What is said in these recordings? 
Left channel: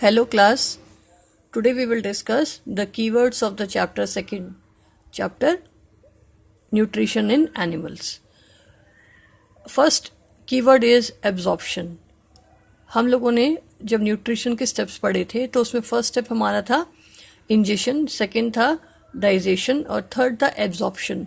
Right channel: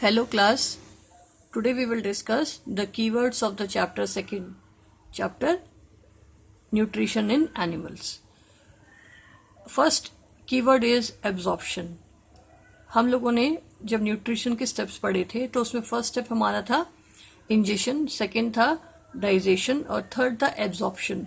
Hello class, today we will discuss the keywords of the second chapter nutrition in animals. First keyword is absorption. हम लोगों ने जब nutrition के steps पढ़े थे तो उसमें फर्स्ट स्टेप हमारा था इंजेशन, सेकंड था डाइजेशन और थर्ड था एब्जॉर्प्शन.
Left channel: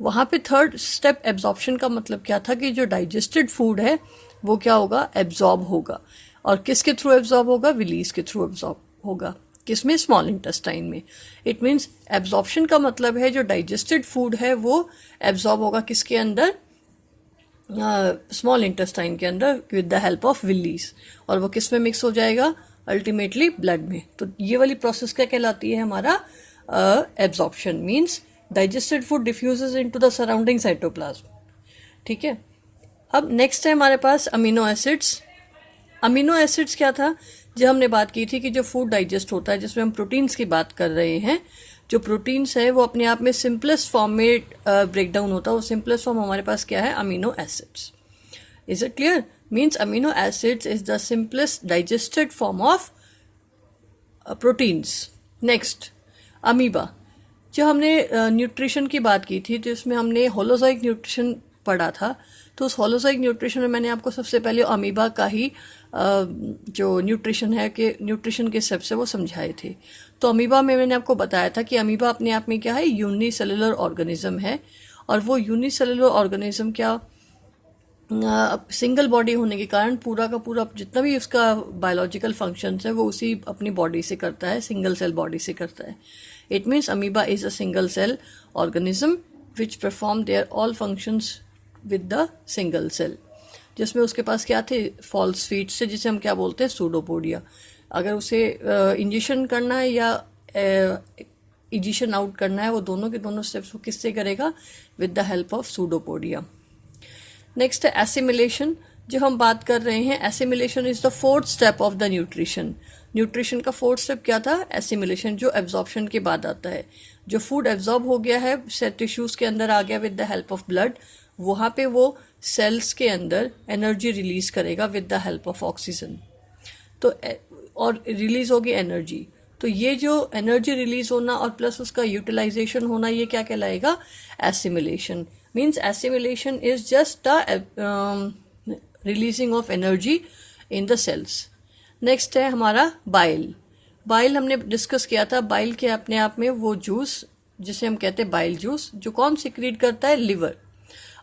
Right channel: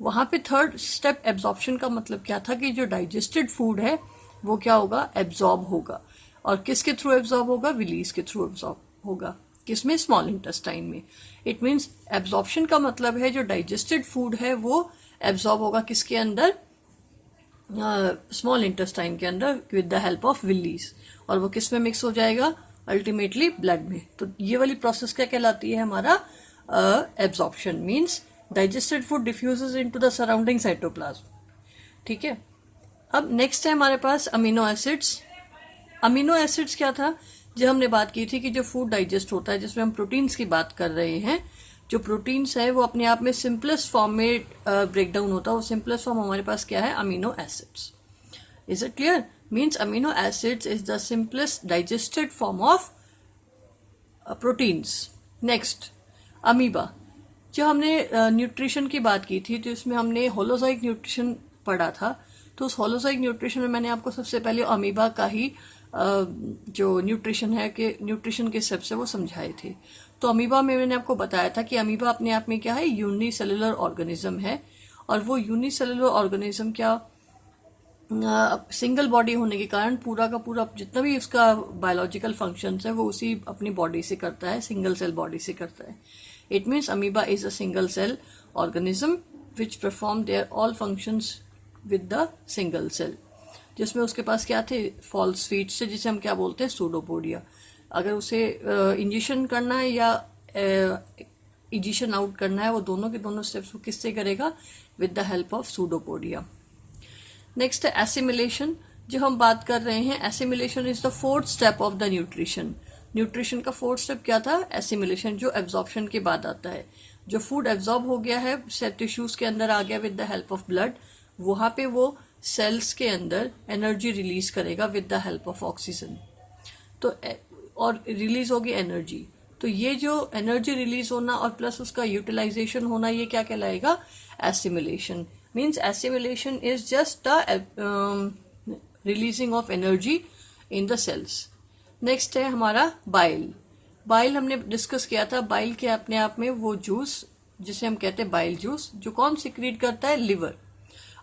वहाँ पे थर्ड स्टेप एब्जॉर्प्शन का मतलब क्या था कि जो डाइजेस्टेड फूड है वो क्या होगा, एब्जॉर्ब होगा. और किसके थ्रू एब्जॉर्ब होगा, विलीज के थ्रू एब्जॉर्ब होगा. किसमें, स्मॉल इंटेस्टाइन में. इट मीन्स एब्जॉर्प्शन का मतलब है जो डाइजेस्टेड फूड है वो एब्जॉर्ब होगा किसके अंदर, स्मॉल इंटेस्टाइन के अंदर with the help of villi. और वो किस में मिक्स हो जाएगा, अल्टीमेटली ब्लड में. तो ये वाली प्रोसेस क्या कहलाती है, हमारा absorption. Means digested food diffuses into the surrounding cytoplasm. ठीक है. अब नेक्स्ट है हमारे पास अमीनो एसिड्स. अमीनो एसिड्स क्या था, जो हमने बात की थी कि जो फूड डाइजेस्ट होता है, जिसमें हम प्रोटीन्स की बात कर रहे हैं, जो प्रोटीन्स है वो अपने आप में सिंपलेस्ट फॉर्म में ब्रेक डाउन होता है. वो सिंपलेस्ट फॉर्म हमारे पास क्या है, amino acids. Is it clear? Means amino acids is the simplest digested form of proteins. Next amoeba. जो हमने न्यूट्रिशन की बात की थी तो इसमें हमने होलोजोइक न्यूट्रिशन पढ़ा था. तो उस होलोजोइक न्यूट्रिशन में मैंने आपको सबसे पहले अमीबा का ही जो न्यूट्रिशन है कि न्यूट्रिशन के स्टेप से वो समझाए थे. तो अमीबा में मैंने आपको बताया था कि अमीबा अपने आप में क्या है, यूनिसेलुलर ऑर्गेनिज्म है. और वो यूनिसेलुलर ऑर्गेनिज्म क्या, सिंगल बॉडी होने के कारण पूरा का पूरा जितना भी उसका बायोलॉजिकल फंक्शंस है वो उसी अपनी बॉडी से करता है, सिंगल सेल बॉडी से करता है. It means amoeba is a single cell organism which perform their all functions with the single cell. जिसमें उसके पास क्या थे, फॉल्स फीट से, जिसे हम क्या बोलते हैं, सूडोपोडिया. अगर उसे इंजेक्शन करना है या इजेशन आउट करना है, वो दोनों के दोनों स्टेप्स वो किससे करेगा, with the help of pseudopodia. Next है एसिमिलेशन. जो हम बात कर रहे हैं, assimilation is the fourth step of the nutrition. Nutrition का फोर्थ स्टेप क्या था, एसिमिलेशन, जो एब्जॉर्प्शन के बाद आता है. जो फूड एब्जॉर्ब हो गया है, टिश्यूज के अंदर आ गया with the help of blood, वहां पे वो सेल्स के अंदर एनर्जी रिलीज करेगा with the help of oxygen. तो और रिलीज होगी एनर्जी. तो ये जो एनर्जी रिलीज होना और प्लस उसका यूटिलाइजेशन होना, ये क्या कहलाएगा, assimilation. Means assimilation is just the releasing of energy in the cells. Next है हमारा बाइल. बाइल हमने डिस्कस किया था. बाइल के अपने आप में वो जूस जिसे हम कहते हैं बाइल जूस, जो कौन सिक्रीट करता है, लिवर.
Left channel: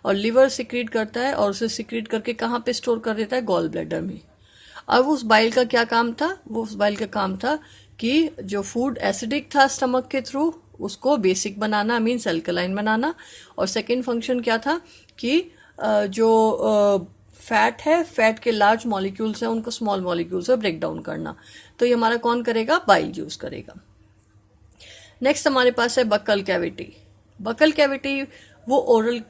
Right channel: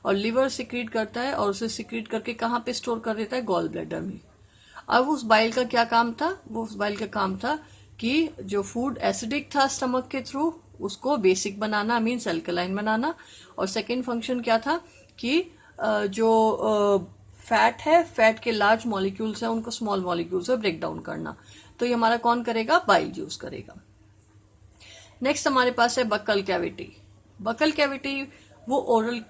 और लिवर सिक्रीट करता है और उसे सिक्रीट करके कहाँ पे स्टोर कर देता है, गॉल ब्लैडर में. अब उस बाइल का क्या काम था, वो उस बाइल का काम था कि जो फूड एसिडिक था स्टमक के थ्रू उसको बेसिक बनाना, मीन्स अल्कलाइन बनाना. और सेकंड फंक्शन क्या था कि जो फैट है, फैट के लार्ज मॉलिक्यूल्स हैं उनको स्मॉल मॉलिक्यूल्स में ब्रेक डाउन करना. तो ये हमारा कौन करेगा, बाइल जूस करेगा. नेक्स्ट हमारे पास है बकल कैविटी. बकल कैविटी वो ओरल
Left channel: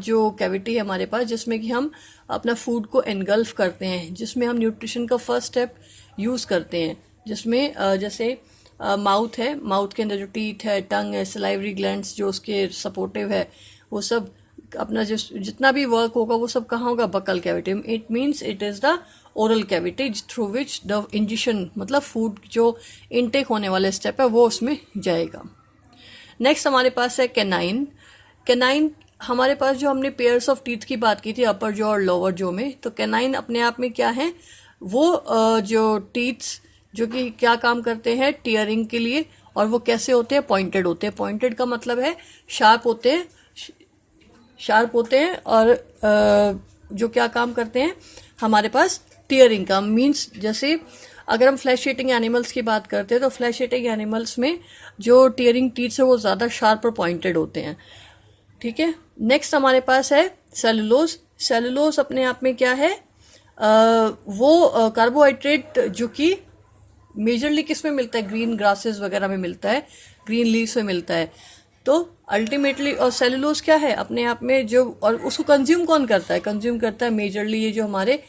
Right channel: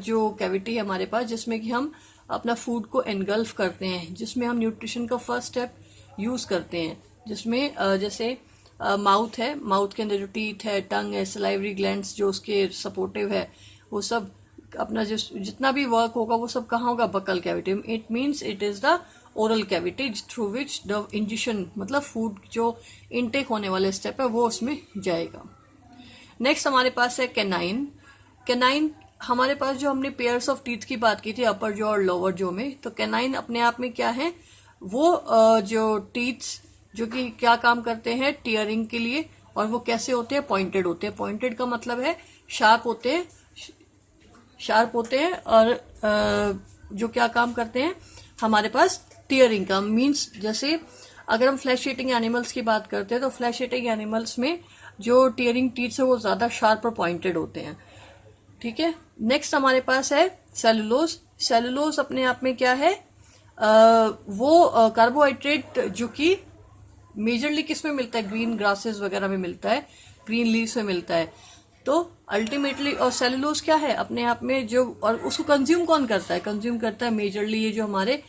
जो कैविटी है हमारे पास, जिसमें कि हम अपना फूड को एनगल्फ करते हैं, जिसमें हम न्यूट्रिशन का फर्स्ट स्टेप यूज करते हैं. जिसमें जैसे माउथ है, माउथ के अंदर जो टीथ है, टंग है, सलाइवरी ग्लैंड्स जो उसके सपोर्टिव है, वो सब अपना जितना भी वर्क होगा वो सब कहाँ होगा, buccal cavity. It means it is the oral cavity through which the injection, मतलब फूड जो इनटेक होने वाले स्टेप है वो उसमें जाएगा. नेक्स्ट हमारे पास है कैनाइन. कैनाइन हमारे पास जो हमने पेयर्स ऑफ टीथ की बात की थी, अपर जॉ और लोअर जॉ में, तो कैनाइन अपने आप में क्या है, वो जो टीथ्स जो कि क्या काम करते हैं, टीयरिंग के लिए. और वो कैसे होते हैं, पॉइंटेड होते हैं. पॉइंटेड का मतलब है शार्प होते हैं, शार्प होते हैं. और जो क्या काम करते हैं हमारे पास, टीयरिंग का. मीन्स जैसे अगर हम फ्लैश ईटिंग एनिमल्स की बात करते हैं तो फ्लैश ईटिंग एनिमल्स में जो टीयरिंग टीथ्स है वो ज्यादा शार्प और पॉइंटेड होते हैं. ठीक है. नेक्स्ट हमारे पास है सेलुलोज. सेलुलोज अपने आप में क्या है, वो कार्बोहाइड्रेट जो कि मेजरली किस में मिलता है, ग्रीन ग्रासेस वगैरह में मिलता है, ग्रीन लीव्स में मिलता है. तो अल्टीमेटली, और सेलुलोज क्या है अपने आप में जो, और उसको कंज्यूम कौन करता है, कंज्यूम करता है मेजरली ये जो हमारे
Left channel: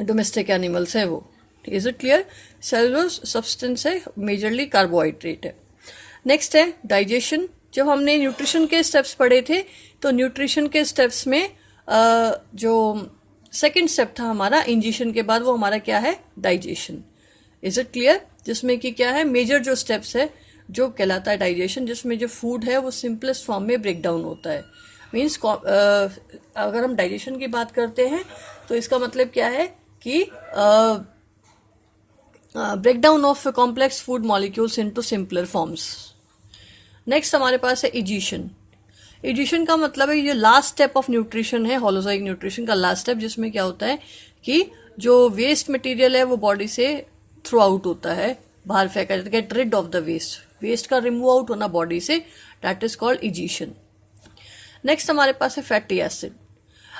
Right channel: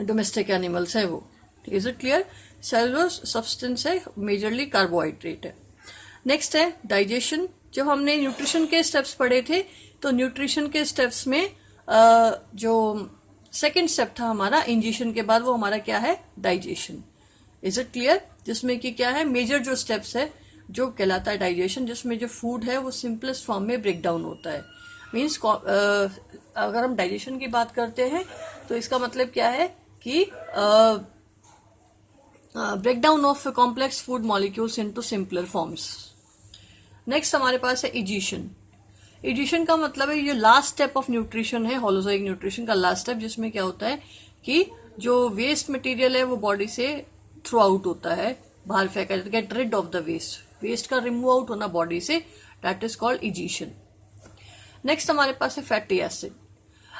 डोमेस्टिक एनिमल्स है वो. Is it clear? Cellulose substance है, मेजरली कार्बोहाइड्रेट है. नेक्स्ट है डाइजेशन. जब हमने न्यूट्रिशन के स्टेप्स पढ़े थे तो न्यूट्रिशन के स्टेप्स में जो सेकेंड स्टेप था हमारा इंजेशन के बाद, वो हमारा क्या है, डाइजेशन। Is it clear? जिसमें कि क्या है, मेजर जो स्टेप्स है जो कहलाता है डाइजेशन, जिसमें जो फूड है वो सिंपलेस्ट फॉर्म में ब्रेक डाउन होता है। मीन्स अगर हम डाइजेशन की बात करते हैं तो इसका मतलब क्या है कि breakdown of complex food molecules into simpler forms. Next हमारे पास है इजिशन। इजिशन का मतलब है ये लास्ट स्टेप ऑफ न्यूट्रिशन है, होलोजाइक न्यूट्रिशन का लास्ट स्टेप, जिसमें क्या होता है कि जो वेस्ट मटेरियल है वो बॉडी से थ्रू आउट होता है, बाहर फेंका जाता है, get rid of the waste, waste का रिमूव आउट होना बॉडी से, that is called egestion. Next हमारे पास है फैटी एसिड।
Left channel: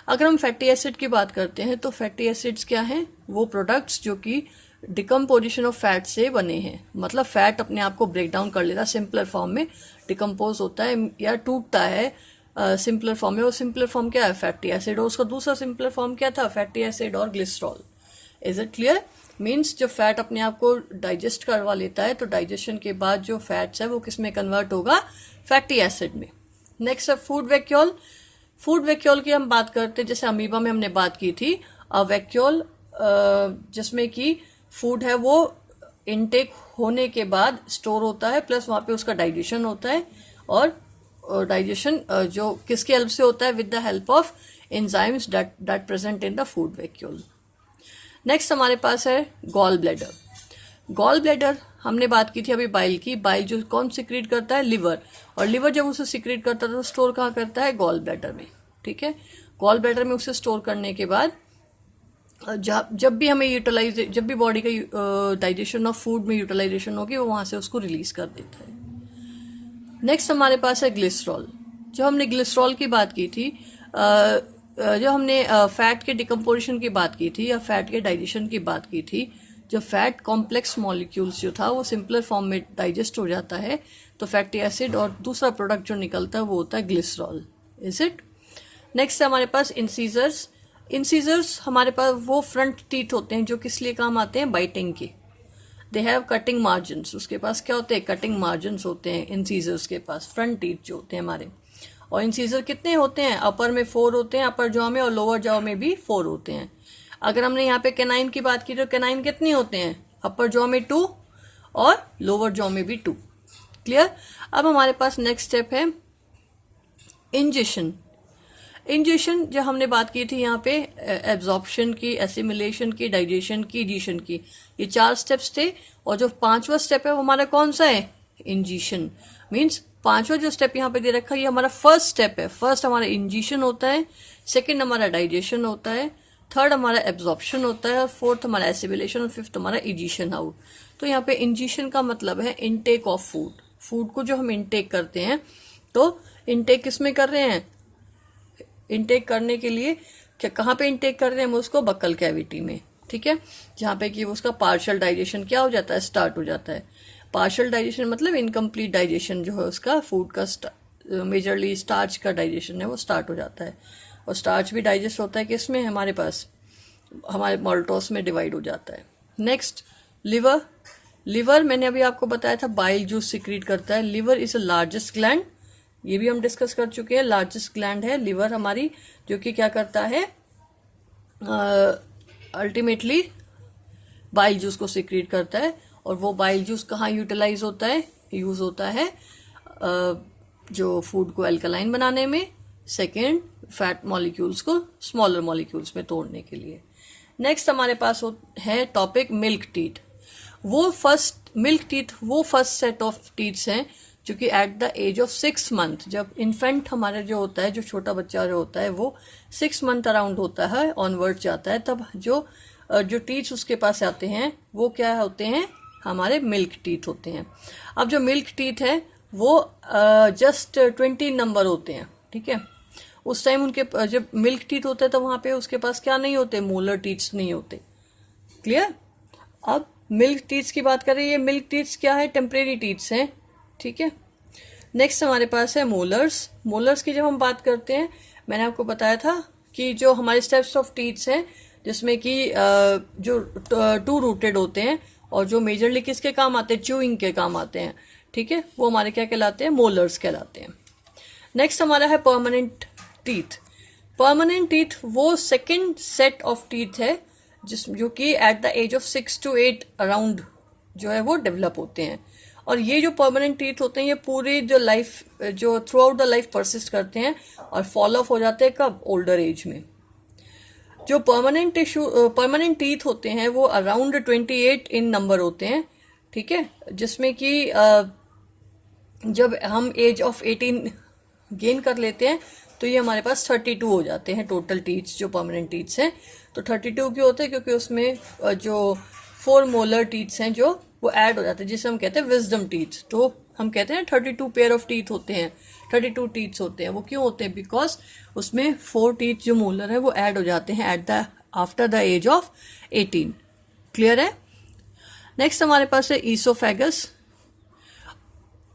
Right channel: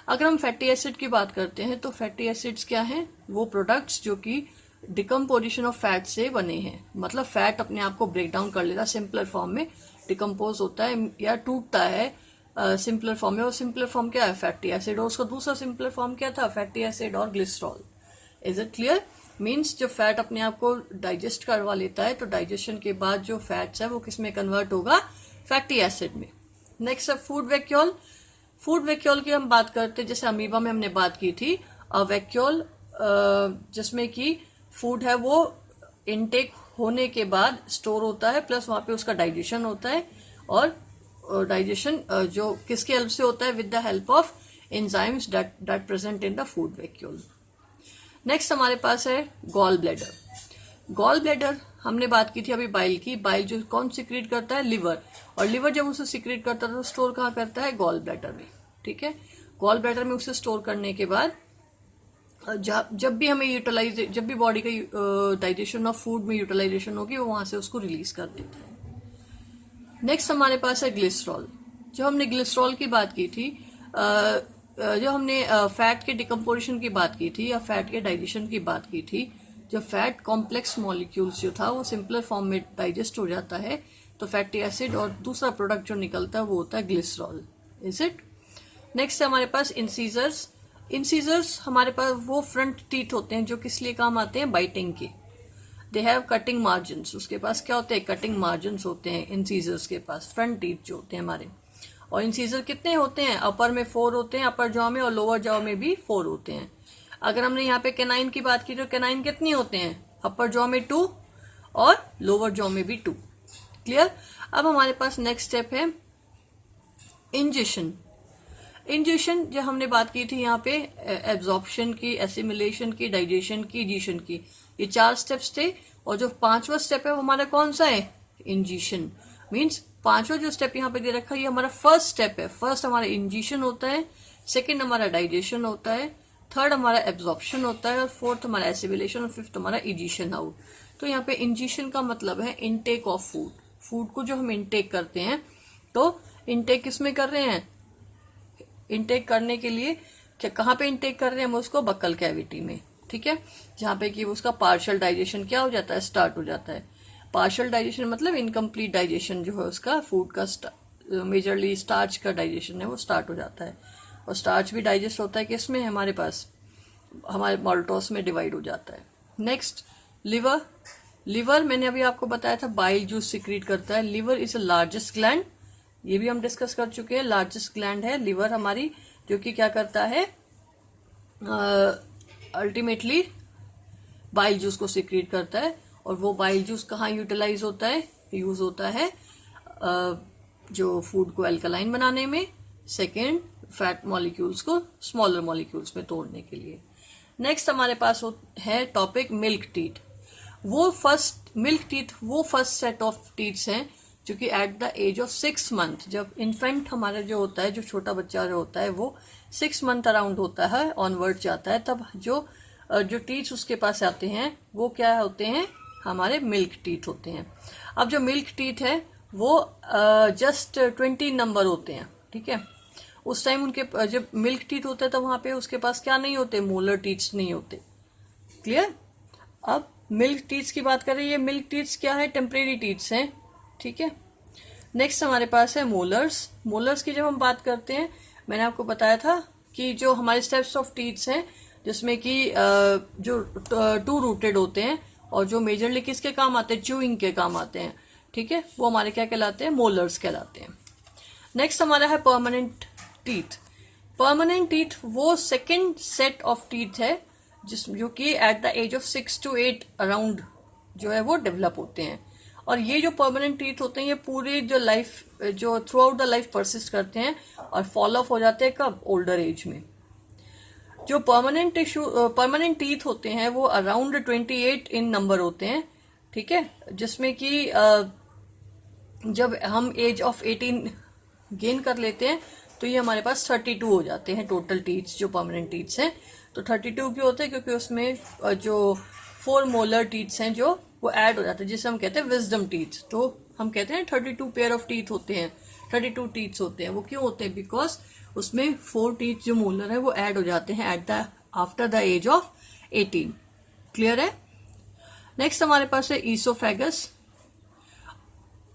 अगर हम फैटी एसिड की बात करते हैं तो फैटी एसिड्स क्या हैं, वो प्रोडक्ट्स जो कि डिकम्पोजिशन ऑफ फैट से बने हैं, मतलब फैट अपने आप को ब्रेक डाउन कर लेता है, सिंपलर फॉर्म में डिकम्पोज होता है या टूटता है सिंपलर फॉर्म में। और सिंपलर फॉर्म क्या है, फैटी एसिड, और उसका दूसरा सिंपलर फॉर्म क्या था, फैटी एसिड और glycerol. Is it clear? Means जो फैट अपने आप को डाइजेस्ट करवा लेता है, तो डाइजेशन के बाद जो फैट्स है वो किस में कन्वर्ट होगा, फैटी एसिड में। नेक्स्ट है फूड वैक्यूल। फूड वैक्यूल की हम बात करते हैं, जैसे अमीबा में हमने बात की थी, वैक्यूल जिसमें कि फूड है वो इनटेक होने के बाद स्टोर होता है, प्लस वहां पे उसका डाइजेशन होता है, और डाइजेशन जो किसके हेल्प से होता है, with the help of enzymes that present in the food vacuole. Next हमारे पास है गॉल ब्लैडर। गॉल ब्लैडर हमने बात की थी अभी बाइल की, बाइल जो कौन सिक्रीट करता है, लिवर, और लिवर जब उसे सिक्रीट करता है तो स्टोर कहाँ करता है, गॉल ब्लैडर में। ठीक है, गॉल ब्लैडर में उसे स्टोर करने के बाद जब भी हमें यूटिलाइज, जब भी बॉडी का डाइजेशन ऑफ फूड में यूटिलाइजेशन होगी, वो वहां से उसको रिलीज कर देता है। नेक्स्ट हमारे पास है ग्लिसरॉल। जो हमने ग्लिसरॉल की बात की थी, जो हमने फैट के डिकम्पोजिशन की बात की थी या फैट के डाइजेशन की बात की थी, जब फैट कॉम्प्लेक्स मॉलिक्यूल्स जो था वो सिंपलर फॉर्म में डाइजेस्ट हो जाता है, तो फैटी एसिड और दूसरा प्रोडक्ट जो निकलता है वो होता है ग्लिसरॉल। Is it? नेक्स्ट है हमारे पास इंसीजर्स। इंसीजर्स हमारे पास वो फ्रंट टीथ होते हैं जो किस लिए काम आते हैं, बाइटिंग के। दे हैव कटिंग मार्जिन्स, उसके पास क्या होते हैं, कटिंग मार्जिन्स होते हैं इंसीजर्स के पास, फ्रंट टीथ जो होते हैं हमारे। और इंसीजर कितने होते हैं, अपर में 4 होते हैं, अपर जॉ में, और लोअर जॉ में भी 4 होते हैं। अगर हमने यहाँ पे कैनाइन की बात की तो कैनाइन कितने होते हैं, अपर जॉ में 2 और लोअर जॉ में भी 2। क्लियर? अब हमारे पास नेक्स्ट स्टेप है इंजेशन। इंजेशन जो हमने बात की थी यहाँ पे एब्जॉर्प्शन की, एसिमिलेशन की, डाइजेशन की, इजिशन की, ये 4 स्टेप्स थे। और जो 5वां स्टेप है वो हमारा कौन सा है, इंजेशन। मीन्स 5वां जो स्टेप यहाँ पे दे रखा है ये हमारा फर्स्ट स्टेप है। फर्स्ट हमारा इंजेशन होता है, सेकेंड हमारा डाइजेशन होता है, थर्ड हमारा एब्जॉर्प्शन होता है, और फोर्थ हमारा एसिमिलेशन, और फिफ्थ हमारा इजिशन आउट। तो यहाँ पे इंजेशन का मतलब है इनटेक ऑफ फूड। फूड को जो हम इनटेक करते हैं, तो इनटेक किसमें कर रहे हैं, इनटेक करने के लिए क्या, कहाँ पे इनटेक कर रहे हैं हम उसको, बक्कल कैविटी में। ठीक है, जहाँ पे कि उसका पार्शियल डाइजेशन क्या हो जाता है, स्टार्ट हो जाता है। पार्शियल डाइजेशन मतलब इनकम्प्लीट डाइजेशन जो है उसका, फूड का मेजरली स्टार्च का डाइजेशन है वो स्टार्ट हो जाता है। और स्टार्च भी डाइजेस्ट होता है किसमें, हमारे पास, हमारे मॉल्टोस में डिवाइड हो जाता है। Next liver. लिवर मैंने अभी आपको बताया था बाइल जूस सिक्रीट करता है। Liver is a largest gland, ये भी हम डिस्कस कर चुके हैं, लार्जेस्ट ग्लैंड है लिवर हमारी, जो कि क्या करता है, अल्टीमेटली बाइल जूस को सिक्रीट करता है। और वो बाइल जूस कहाँ यूटिलाइज होता है, यूज होता है जो फूड को अल्कलाइन बनाने में, सेकेंड फैट मॉलिक्यूल्स को स्मॉलर मॉलिक्यूल्स में तोड़ने के लिए। नेक्स्ट हमारे पास है टॉपिक मिल्क टीथ। वो फर्स्ट मिल्क टीथ वो फर्स्ट सेट ऑफ टीथ्स हैं जो कि at the age of 6 month, जब इन्फेंट हमारे जो होता है, जो छोटा बच्चा जो होता है वो 6 मंथ अराउंड होता है, ऑनवर्ड जाता है, तब जो टीथ उसके पास आते हैं वो क्या होते हैं, हमारे मिल्क टीथ होते हैं। अब जो मिल्क टीथ है वो जस्ट 20 नंबर होते हैं। ठीक है, उस टाइम उनके जब मिल्क टीथ होते हैं तो वहां पे उसके पास क्या नहीं होते, मोलर टीथ्स नहीं होते। क्लियर? अब मिल्क टीथ्स की बात करें, ये मिल्क टीथ्स क्या है, टेम्परेरी टीथ्स हैं। ठीक है, नेक्स्ट हमारे पास है मोलर्स। मोलर्स की जब हम बात करते हैं, मैंने आपको बताया था कि जो हमारे स्टेप्स ऑफ टीथ्स हैं, जिसमें कि जो 2 रूटेड होते हैं और जो मेजरली किसके काम आते हैं, च्यूइंग के काम आते हैं। ठीक है, वो हमारे क्या कहलाते हैं, मोलर्स कहलाते हैं। नेक्स्ट हमारा है परमानेंट टीथ। परमानेंट टीथ वो सेकेंड सेट ऑफ टीथ है जो कि at the age of 6 to 8 around जो है वो डेवलप होते हैं। और ये जो परमानेंट टीथ होते हैं ये पूरी जो लाइफ जो through out the life persist करते हैं और फॉल ऑफ हो जाते हैं कब, ओल्डर एज में। जो परमानेंट टीथ होते हैं वो अराउंड 28 इन नंबर होते हैं, ठीक है, जिसमें कि जब हम एज ऑफ 18 गेन कर लेते हैं तो ये हमारे पास 32 हो जाते हैं टोटल टीथ्स जो परमानेंट टीथ्स हैं। तो 32 क्यों होते हैं, क्योंकि उसमें जो 4 मोलर टीथ्स हैं जो वो ऐड हो जाते हैं, जिसे हम कहते हैं विजडम टीथ। तो हम कहते हैं 32 पेयर ऑफ टीथ होते हैं, 32 टीथ्स होते हैं। वो क्यों होते हैं, बिकॉज उसमें 4 टीथ जो मोलर है वो ऐड हो जाते हैं after the age of 18। Clear है। नेक्स्ट हमारे पास है ईसोफेगस।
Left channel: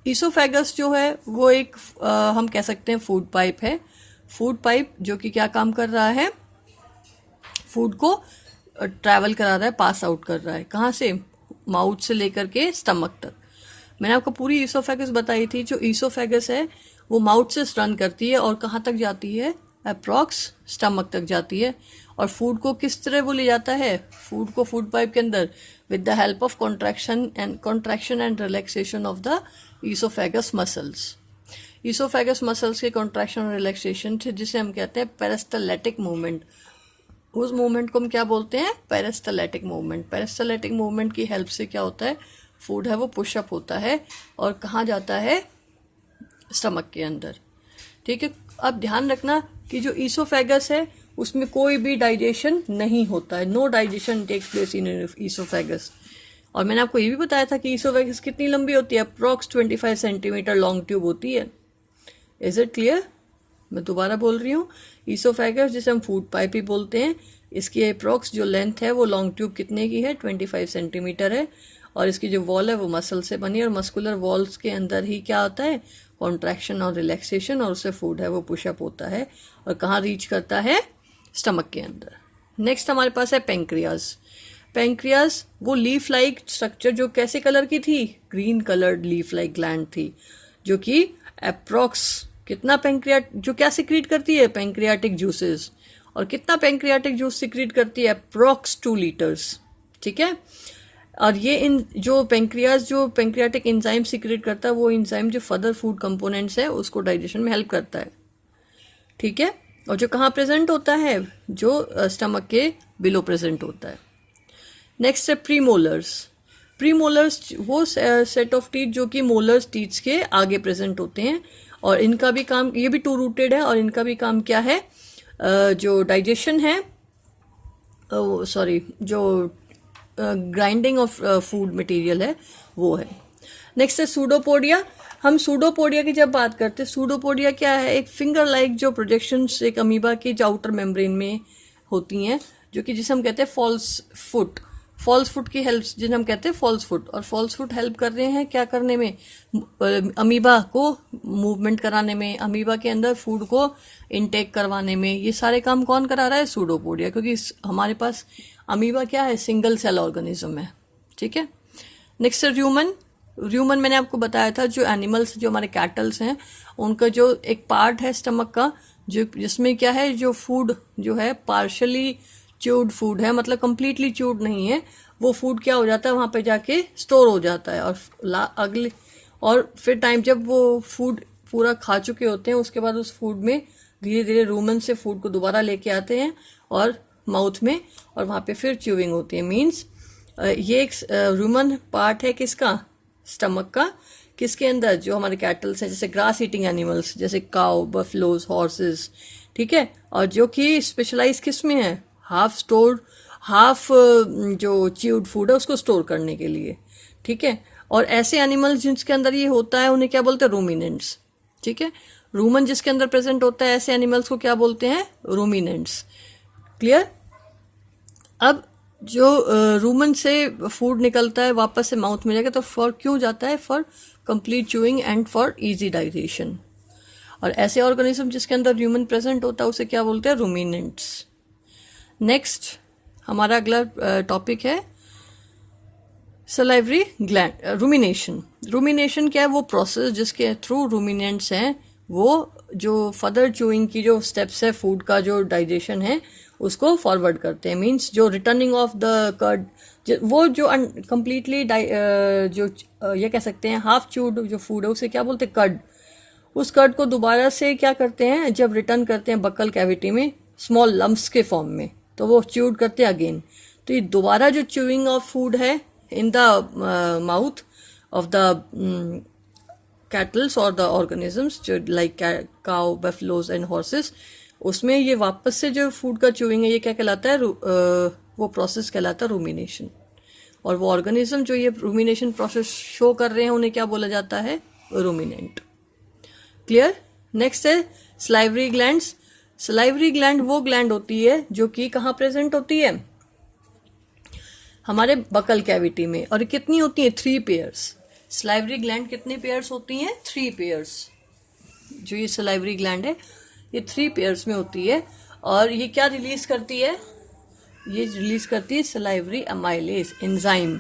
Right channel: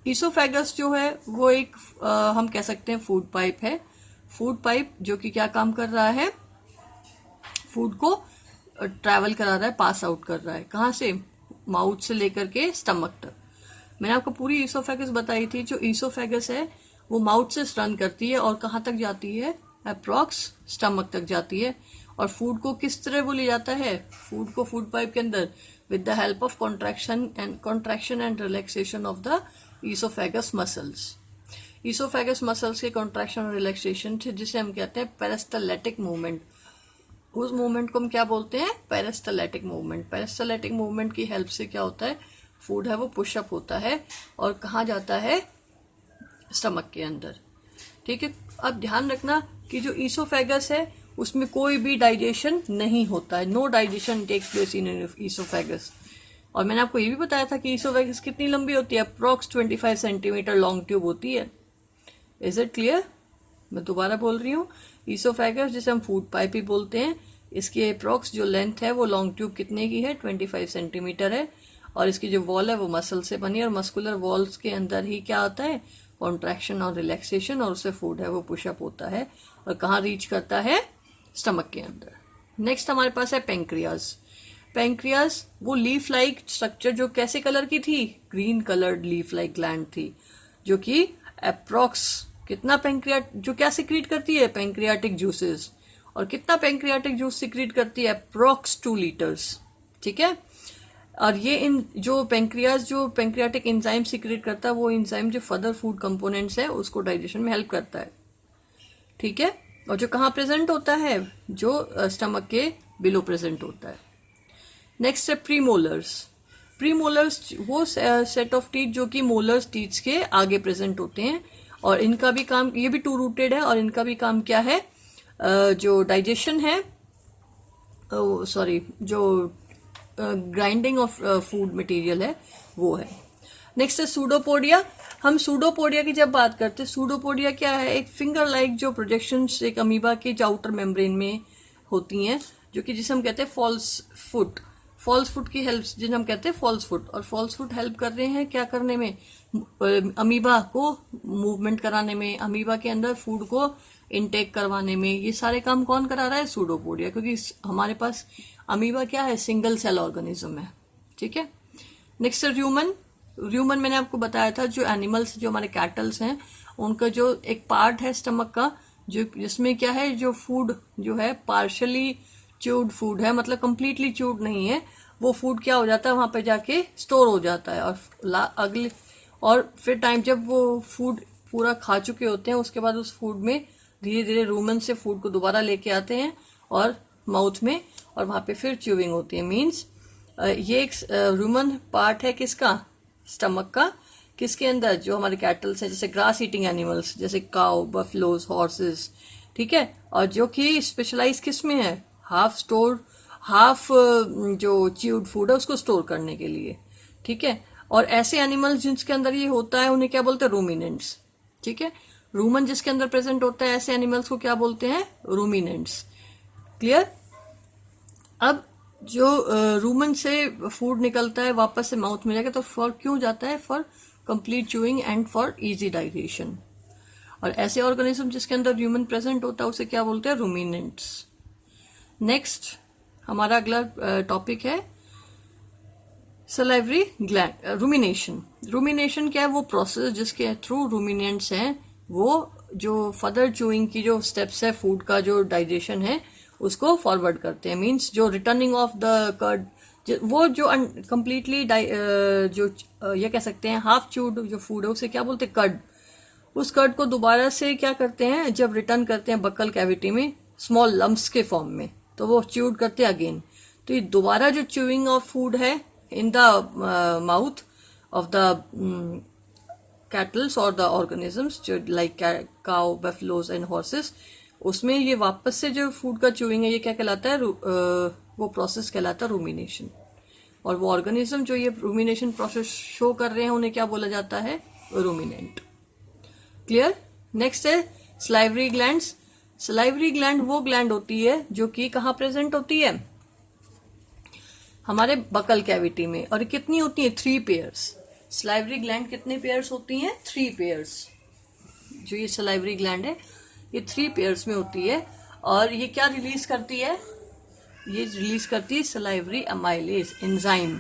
ईसोफेगस जो है वो एक हम कह सकते हैं फूड पाइप है। फूड पाइप जो कि क्या काम कर रहा है, फूड को ट्रैवल करा रहा है, पास आउट कर रहा है। कहाँ से, माउथ से लेकर के स्टमक तक। मैंने आपको पूरी ईसोफेगस बताई थी। जो ईसोफेगस है वो माउथ से रन करती है और कहाँ तक जाती है, अप्रॉक्स स्टमक तक जाती है। और फूड को किस तरह वो ले जाता है, फूड को फूड पाइप के अंदर with the help of contraction and relaxation of the oesophagus muscles. Oesophagus muscles के कॉन्ट्रैक्शन और रिलैक्सेशन थे, जिसे हम कहते हैं पेरिस्टलेटिक मूवमेंट। उस मूवमेंट को हम क्या बोलते हैं, पेरिस्टलेटिक मूवमेंट। पेरिस्टलेटिक मूवमेंट की हेल्प से क्या होता है, फूड है वो पुशअप होता है और कहाँ जाता है, स्टमक के अंदर। ठीक है। अब ध्यान रखना कि जो ईसोफेगस है उसमें कोई भी डाइजेशन नहीं होता है, no digestion takes place in oesophagus. और मैंने आपको ये भी बताया था कि ईसोफेगस कितनी लंबी होती है, अप्रॉक्स 25 सेंटीमीटर लॉन्ग ट्यूब होती है। Is it clear. मैं दोबारा बोल रही हूँ, ईसोफेगस जिसे हम फूड पाइप ही बोलते हैं, इसकी अप्रॉक्स जो लेंथ है वो लॉन्ग ट्यूब कितने की है, 25 सेंटीमीटर है। और इसकी जो वॉल है वो मसल से बनी है और मस्कुलर वॉल्स के अंदर ही क्या आता है, कॉन्ट्रैक्शन और रिलैक्सेशन, और उससे फूड है वो पुशअप होता है और कहाँ रीच करता है, स्टमक के अंदर। नेक्स्ट हमारे पास है पेंक्रियाज। पेंक्रियाज वो लीफ लाइक स्ट्रक्चर जो कैसे कलर की थी, green coloured leaf like gland थी, जो कि अप्रॉक्स कितना पेंक्रियाट जो क्या सिक्रीट करती है, पेंक्रियाटिक जूसेस। और कितना पेंक्रियाटिक जूस सिक्रीट करती है, अप्रॉक्स 2 लीटर्स। ठीक है। और ये इन जो पेंक्रियाज जो पेंक्रियाटिक एंजाइम सिक्रेट करता है, वो एंजाइम जो फर्दर फूड कंपोनेंट्स है उसको डाइजेशन में हेल्प करता है। ठीक है। और जो कहाँ प्रेजेंट होता है, जो स्टमक के बिलो प्रेजेंट होता है। नेक्स्ट है प्रीमोलर्स। प्रीमोलर्स वो सेट ऑफ टीथ जो कि मोलर्स टीथ्स के आगे प्रेजेंट होते हैं और इनका भी काम, ये भी 2 रूटेड है और इनका भी काम क्या है, जो डाइजेशन है, जो ग्राइंडिंग ऑफ फूड मटेरियल है वो है। नेक्स्ट है सूडोपोडिया। हम सूडोपोडिया की जब बात करते हैं, सूडोपोडिया क्या है, एक फिंगर लाइक जो प्रोजेक्शंस एक अमीबा की जो आउटर मेम्ब्रेन में होती हैं, जो कि जिसे हम कहते हैं फॉल्स फुट की हेल्प, जिन्हें हम कहते हैं फॉल्स फुट। और फॉल्स फुट हेल्प कर रहे हैं क्या करने में, अमीबा को मूवमेंट कराने में, अमीबा के अंदर फूड को इनटेक करवाने में। ये सारे काम कौन करा रहा है, सूडोपोडिया, क्योंकि हमारे पास अमीबा क्या है, सिंगल सेल ऑर्गेनिज्म है। ठीक है। नेक्स्ट है र्यूमन। र्यूमन मैंने आपको बताया था, जो एनिमल्स जो हमारे कैटल्स हैं उनका जो एक पार्ट है स्टमक का, जो जिसमें क्या है, जो फूड जो है पार्शली च्यूड फूड है, मतलब कंप्लीटली च्यूड नहीं है, वो फूड क्या हो जाता है, वहां पे जाके स्टोर हो जाता है। और फिर टाइम जब वो फूड पूरा खा चुके होते हैं, उसके बाद उस फूड में धीरे धीरे रूमन से फूड को दोबारा लेके आते हैं और माउथ में, और वहां पे फिर च्यूइंग होती है। मीन्स ये एक रूमन पार्ट है किसका, स्टमक का, किसके अंदर, जो हमारे कैटल्स हैं, जैसे ग्रास ईटिंग एनिमल्स जैसे काउ, बफलोज, हॉर्सेस। ठीक है। और जो कि स्पेशलाइज किस में है, हाफ जो च्यूड फूड है उसको स्टोर करने के लिए। ठीक है। और ऐसे एनिमल्स जिसके अंदर ये होता है उन्हें क्या बोलते हैं, रूमिनेंट्स। ठीक है। रूमन जिसके अंदर प्रेजेंट होता है, ऐसे एनिमल्स को क्या बोलते हैं, रूमिनेंट्स। क्लियर। अब जो रूमन से फूड निकलता है वापस से माउथ में जाकर, तो फॉर क्यों जाता है, for complete chewing and for easy digestion. और ऐसे ऑर्गेनिज्म जिसके अंदर ह्यूमन प्रेजेंट होता है उसे क्या बोलते हैं, रूमिनेंट्स। नेक्स्ट हमारा अगला टॉपिक है सलाइवरी ग्लैंड, रूमिनेशन। रूमिनेशन क्या है, वो प्रोसेस जिसके थ्रू रूमिनेंट्स हैं वो जो फर्दर च्यूइंग की जो स्टेप्स है फूड का जो डाइजेशन है उसको फॉरवर्ड करते हैं। मीन्स जो रिटर्निंग ऑफ द कर्ड, वो जो कंप्लीटली जो ये कह सकते हैं हाफ च्यूड जो फूड है उसे क्या बोलते हैं, कर्ड। उस कर्ड को दोबारा से क्या करते हैं, जब रिटर्न करते हैं बक्कल कैविटी में स्मॉल लम्प्स के फॉर्म में, तो वो च्यूड करते हैं अगेन। तो ये दोबारा जो च्यूइंग ऑफ फूड है in the mouth of the kettles और द ऑर्गेनिजम्स जो like cow, buffaloes and horses, उसमें ये वापस से जो फूड का च्यूइंग है ये क्या कहलाता है, वो प्रोसेस कहलाता है रूमिनेशन। और वो ऑर्गेनिज्म जो ये रूमिनेशन प्रोसेस शो कर रहे हैं उन्हें क्या बोला जाता है, रूमिनेंट। क्लियर। नेक्स्ट है सलाइवरी ग्लैंड्स। सलाइवरी ग्लैंड वो ग्लैंड होती है जो कि कहाँ प्रेजेंट होती है, हमारे बकल कैविटी में। और कितनी होती है, 3 पेयर्स। सलाइवरी ग्लैंड कितने पेयर्स होती हैं, 3 पेयर्स। जो ये सलाइवरी ग्लैंड है ये 3 पेयर्स में होती है। और ये क्या रिलीज करती है, ये रिलीज करती है सलाइवरी अमाइलेज एंजाइम।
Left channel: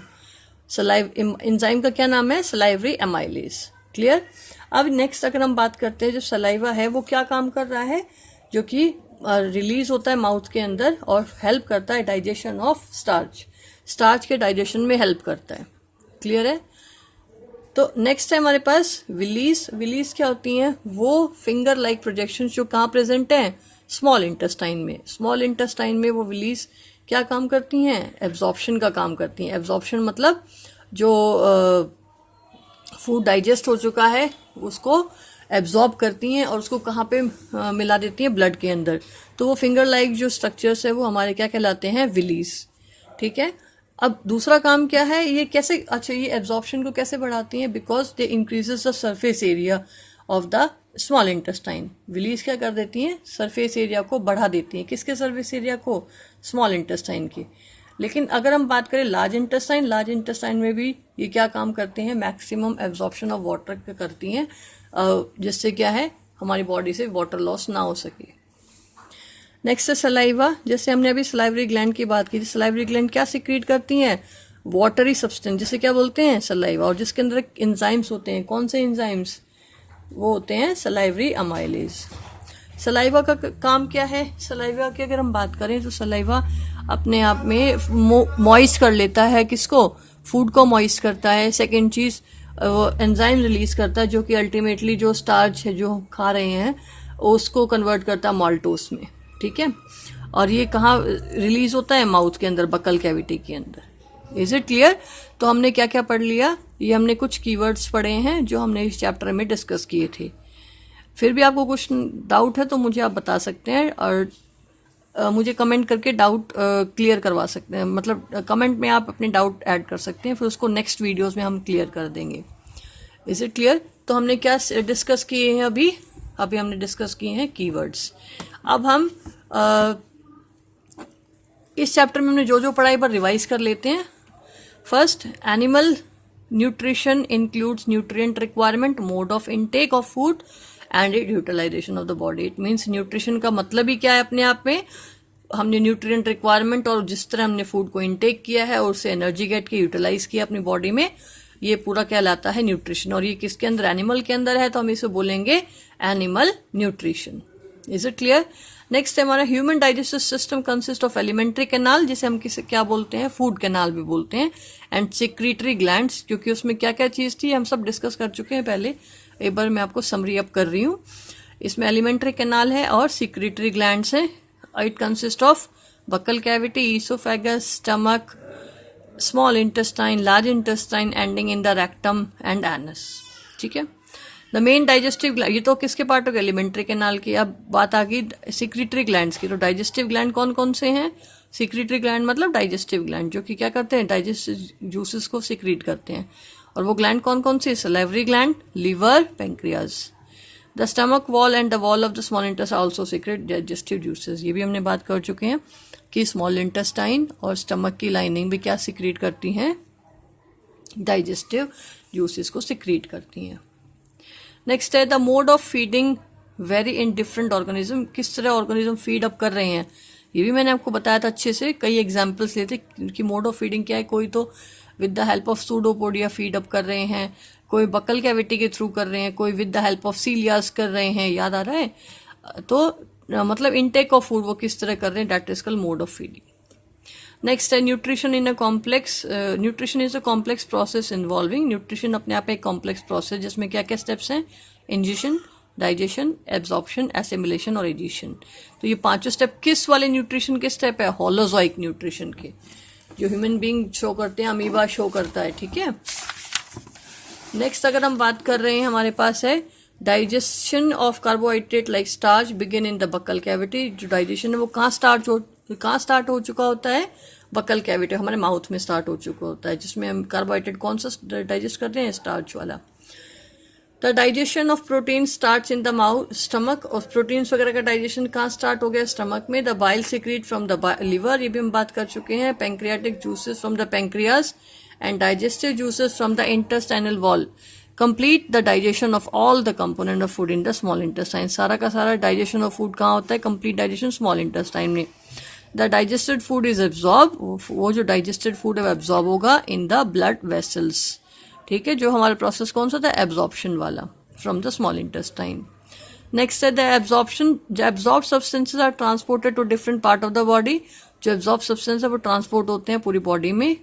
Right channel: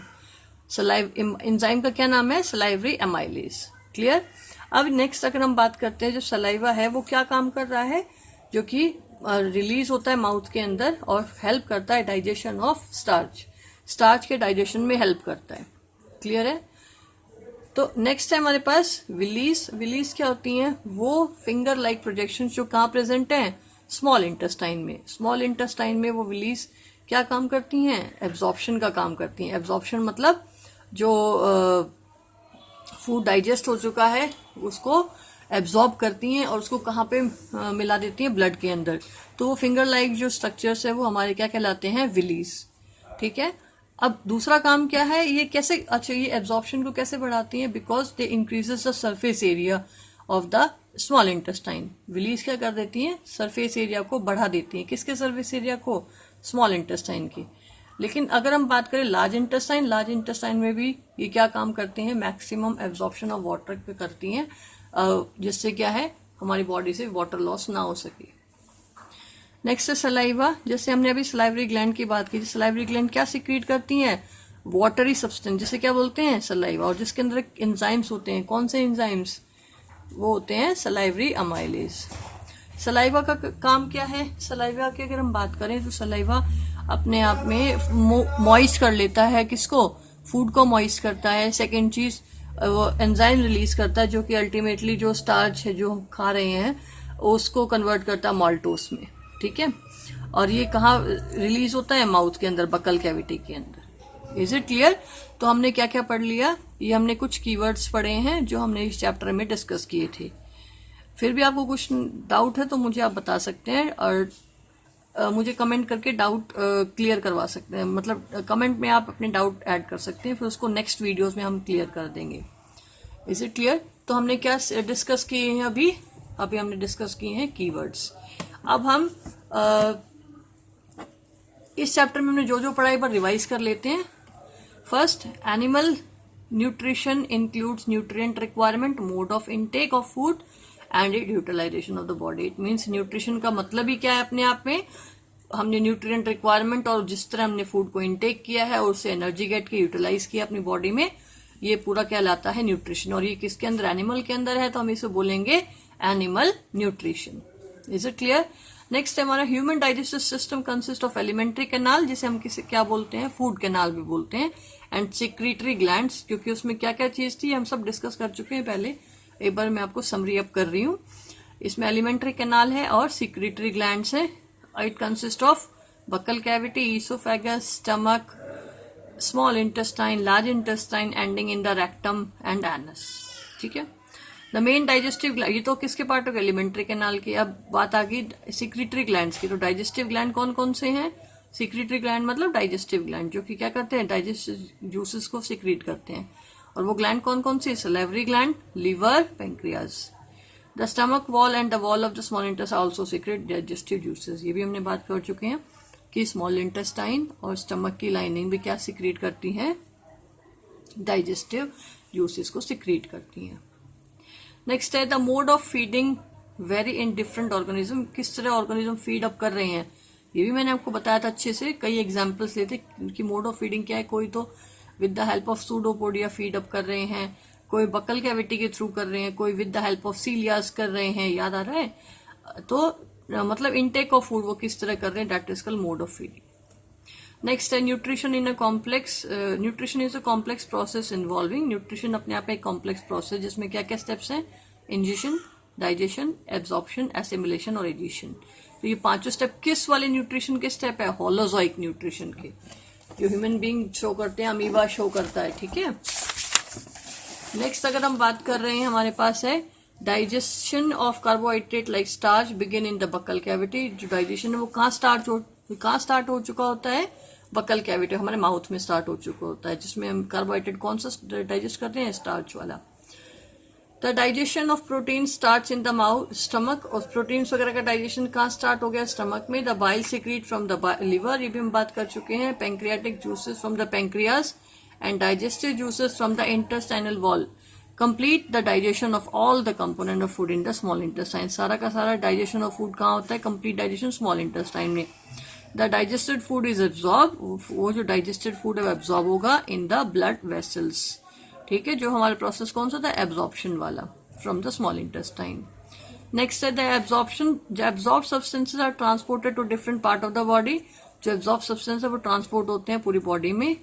एंजाइम का क्या नाम है, सलाइवरी अमाइलेज। क्लियर। अब नेक्स्ट अगर हम बात करते हैं, जो सलाइवा है वो क्या काम कर रहा है, जो कि रिलीज होता है माउथ के अंदर और हेल्प करता है डाइजेशन ऑफ स्टार्च। स्टार्च के डाइजेशन में हेल्प करता है। क्लियर है। तो नेक्स्ट है हमारे पास विलीज। विलीज क्या होती हैं, वो फिंगर लाइक प्रोजेक्शन जो कहाँ प्रेजेंट हैं, स्मॉल इंटेस्टाइन में। स्मॉल इंटेस्टाइन में वो विलीज क्या काम करती हैं, एब्जॉर्प्शन का काम करती हैं। एब्जॉर्प्शन मतलब जो फूड डाइजेस्ट हो चुका है उसको एब्जॉर्ब करती हैं और उसको कहाँ पे मिला देती हैं, ब्लड के अंदर। तो वो फिंगर लाइक जो स्ट्रक्चर्स है वो हमारे क्या कहलाते हैं, विलीज। ठीक है। अब दूसरा काम क्या है, ये कैसे, अच्छा ये एब्जॉर्प्शन को कैसे बढ़ाती हैं, because they increases the surface area of the small intestine. Villi क्या कर देती हैं, सरफेस एरिया को बढ़ा देती हैं। किसके सरफेस एरिया को, स्मॉल इंटेस्टाइन की। लेकिन अगर हम बात करें लार्ज इंटेस्टाइन, लार्ज इंटेस्टाइन में भी ये क्या काम करते हैं, मैक्सिमम एब्जॉर्प्शन ऑफ वाटर करती हैं, जिससे क्या है हमारी बॉडी से वाटर लॉस ना हो सके। नेक्स्ट है सलाइवा। जैसे हमने अभी सलाइवरी ग्लैंड की बात की, सलाइवरी ग्लैंड क्या सिक्रीट करती हैं, वाटरी सब्सटेंस, जिसे क्या बोलते हैं, सलाइवा। और जिसके अंदर एंजाइम्स होते हैं, कौन से एंजाइम्स, वो होते हैं सलाइवरी अमाइलेज। सलाइवा का काम क्या है, सलाइवा की अगर हम बात करें तो सलाइवा अपने आप में मॉइस्ट कर लेता है, किसको, फूड को मॉइस्ट करता है। सेकेंड चीज वो एंजाइम रिलीज करता है जो कि अल्टीमेटली जो स्टार्च है जो खा रहे हैं उसको कन्वर्ट करता है माल्टोस में। ठीक है। और ये कहाँ रिलीज होता है, माउथ के अंदर, बकल कैविटी के अंदर। Is it clear. तो हमने क्या क्या पढ़ लिया, ये हमने कुछ कीवर्ड्स पढ़े हैं जो हमने इस चैप्टर में डिस्कस किए थे। फिर भी आपको कुछ डाउट है तो मुझे आप बता सकते हैं और मुझे कमेंट करके डाउट क्लियर करवा सकते हैं, मतलब कमेंट में आप अपने डाउट ऐड कर सकते हैं, फिर उसको नेक्स्ट वीडियोस में हम क्लियर कर देंगे। Is it clear. तो हमने क्या डिस्कस किए हैं, अभी हमने डिस्कस किए हैं कीवर्ड्स। अब हम इस चैप्टर में हमने जो जो पढ़ा एक बार रिवाइज कर लेते हैं। First, animal nutrition includes nutrient requirement, mode of intake of food and utilisation of the body. It means nutrition का मतलब ही क्या है, अपने आप में हमने न्यूट्रिएंट रिक्वायरमेंट और जिस तरह हमने फूड को इनटेक किया है और उससे एनर्जी गेट की यूटिलाइज किया अपनी बॉडी में, ये पूरा कहलाता है न्यूट्रिशन। और ये किसके अंदर, एनिमल के अंदर है, तो हम इसे बोलेंगे animal nutrition. Is it clear. Next है हमारा human digestive system consist of alimentary canal, जिसे हम किसे क्या बोलते हैं, फूड कैनाल भी बोलते हैं, एंड सिक्रीटरी ग्लैंड्स, क्योंकि उसमें क्या क्या चीज थी हम सब डिस्कस कर चुके हैं पहले। एक बार मैं आपको समरी अप कर रही हूँ। इसमें एलिमेंट्री कैनाल है और सिक्रीटरी ग्लैंड्स है। It consist of buccal cavity, oesophagus, stomach, small intestine, large intestine ending in the rectum and anus. ठीक है। द मेन डाइजेस्टिव ग्लैंड, ये तो किसके पार्ट हो गए, एलिमेंट्री कैनाल की। अब बात आ गई सिक्रीटरी ग्लैंड्स की। तो डाइजेस्टिव ग्लैंड कौन कौन से हैं, सिक्रीटरी ग्लैंड मतलब डाइजेस्टिव ग्लैंड जो कि क्या करते हैं, डाइजेस्टिव जूसेस को सिक्रीट करते हैं। और वो ग्लैंड कौन कौन सी, salivary gland, liver, pancreas. The stomach wall and the wall of the small intestine also secrete digestive juices. ये भी हमने बात कर चुके हैं कि स्मॉल इंटेस्टाइन और स्टमक की लाइनिंग भी क्या सिक्रीट करती हैं, डाइजेस्टिव जूसेस को सिक्रीट करती हैं। नेक्स्ट है the mode of feeding very in different organism, किस तरह ऑर्गेनिज्म फीड अप कर रहे हैं, ये भी मैंने आपको बताया था अच्छे से। कई एग्जांपल्स लेते कि मोड ऑफ फीडिंग क्या है, कोई तो with the help of pseudopodia feed up कर रहे हैं, कोई बकल कैविटी के थ्रू कर रहे हैं, कोई विद द हेल्प ऑफ सीलियास कर रहे हैं, याद आ रहा है? तो मतलब इनटेक ऑफ फूड वो किस तरह कर रहे हैं, that is called mode of feeding. Next है nutrition in a complex. Nutrition is a complex process involving, nutrition अपने आप एक कॉम्प्लेक्स प्रोसेस जिसमें क्या क्या स्टेप्स हैं, इंजेशन, डाइजेशन, एब्जॉर्प्शन, एसिमिलेशन और एडिशन। तो ये पांचों स्टेप किस वाले न्यूट्रिशन के स्टेप है, होलोजोइक न्यूट्रिशन के, जो ह्यूमन बीइंग शो करते हैं, अमीबा शो करता है, ठीक है। नेक्स्ट अगर हम बात कर रहे हैं, हमारे पास है digestion of carbohydrate like starch begin in the buccal cavity. जो डाइजेशन है वो कहाँ स्टार्ट हो चुका होता है, बक्कल कैविटी, हमारे माउथ में स्टार्ट हो चुका होता है, जिसमें हम कार्बोहाइड्रेट कौन सा डाइजेस्ट करते हैं, स्टार्च वाला। The digestion of protein starts in the mouth stomach, और प्रोटीन्स वगैरह का डाइजेशन कहाँ स्टार्ट हो गया, स्टमक में। The bile secret from the liver, ये भी हम बात कर चुके हैं। Pancreatic juices from the pancreas and digestive juices from the intestinal wall complete the digestion of all the component of food in the small intestine. सारा का सारा डाइजेशन ऑफ फूड कहाँ होता है, कंप्लीट डाइजेशन स्मॉल इंटेस्टाइन में। The digested food is absorb, वो जो digested food है वो एब्जॉर्ब होगा इन द ब्लड वेसल्स, ठीक है। जो हमारा प्रोसेस कौन सा था, एब्जॉर्प्शन वाला, from the small intestine. Next है द एब्जॉर्प्शन, जो absorb substances are transported to different part of the body. जो एब्जॉर्ब सब्सटेंस है वो ट्रांसपोर्ट होते हैं पूरी बॉडी में।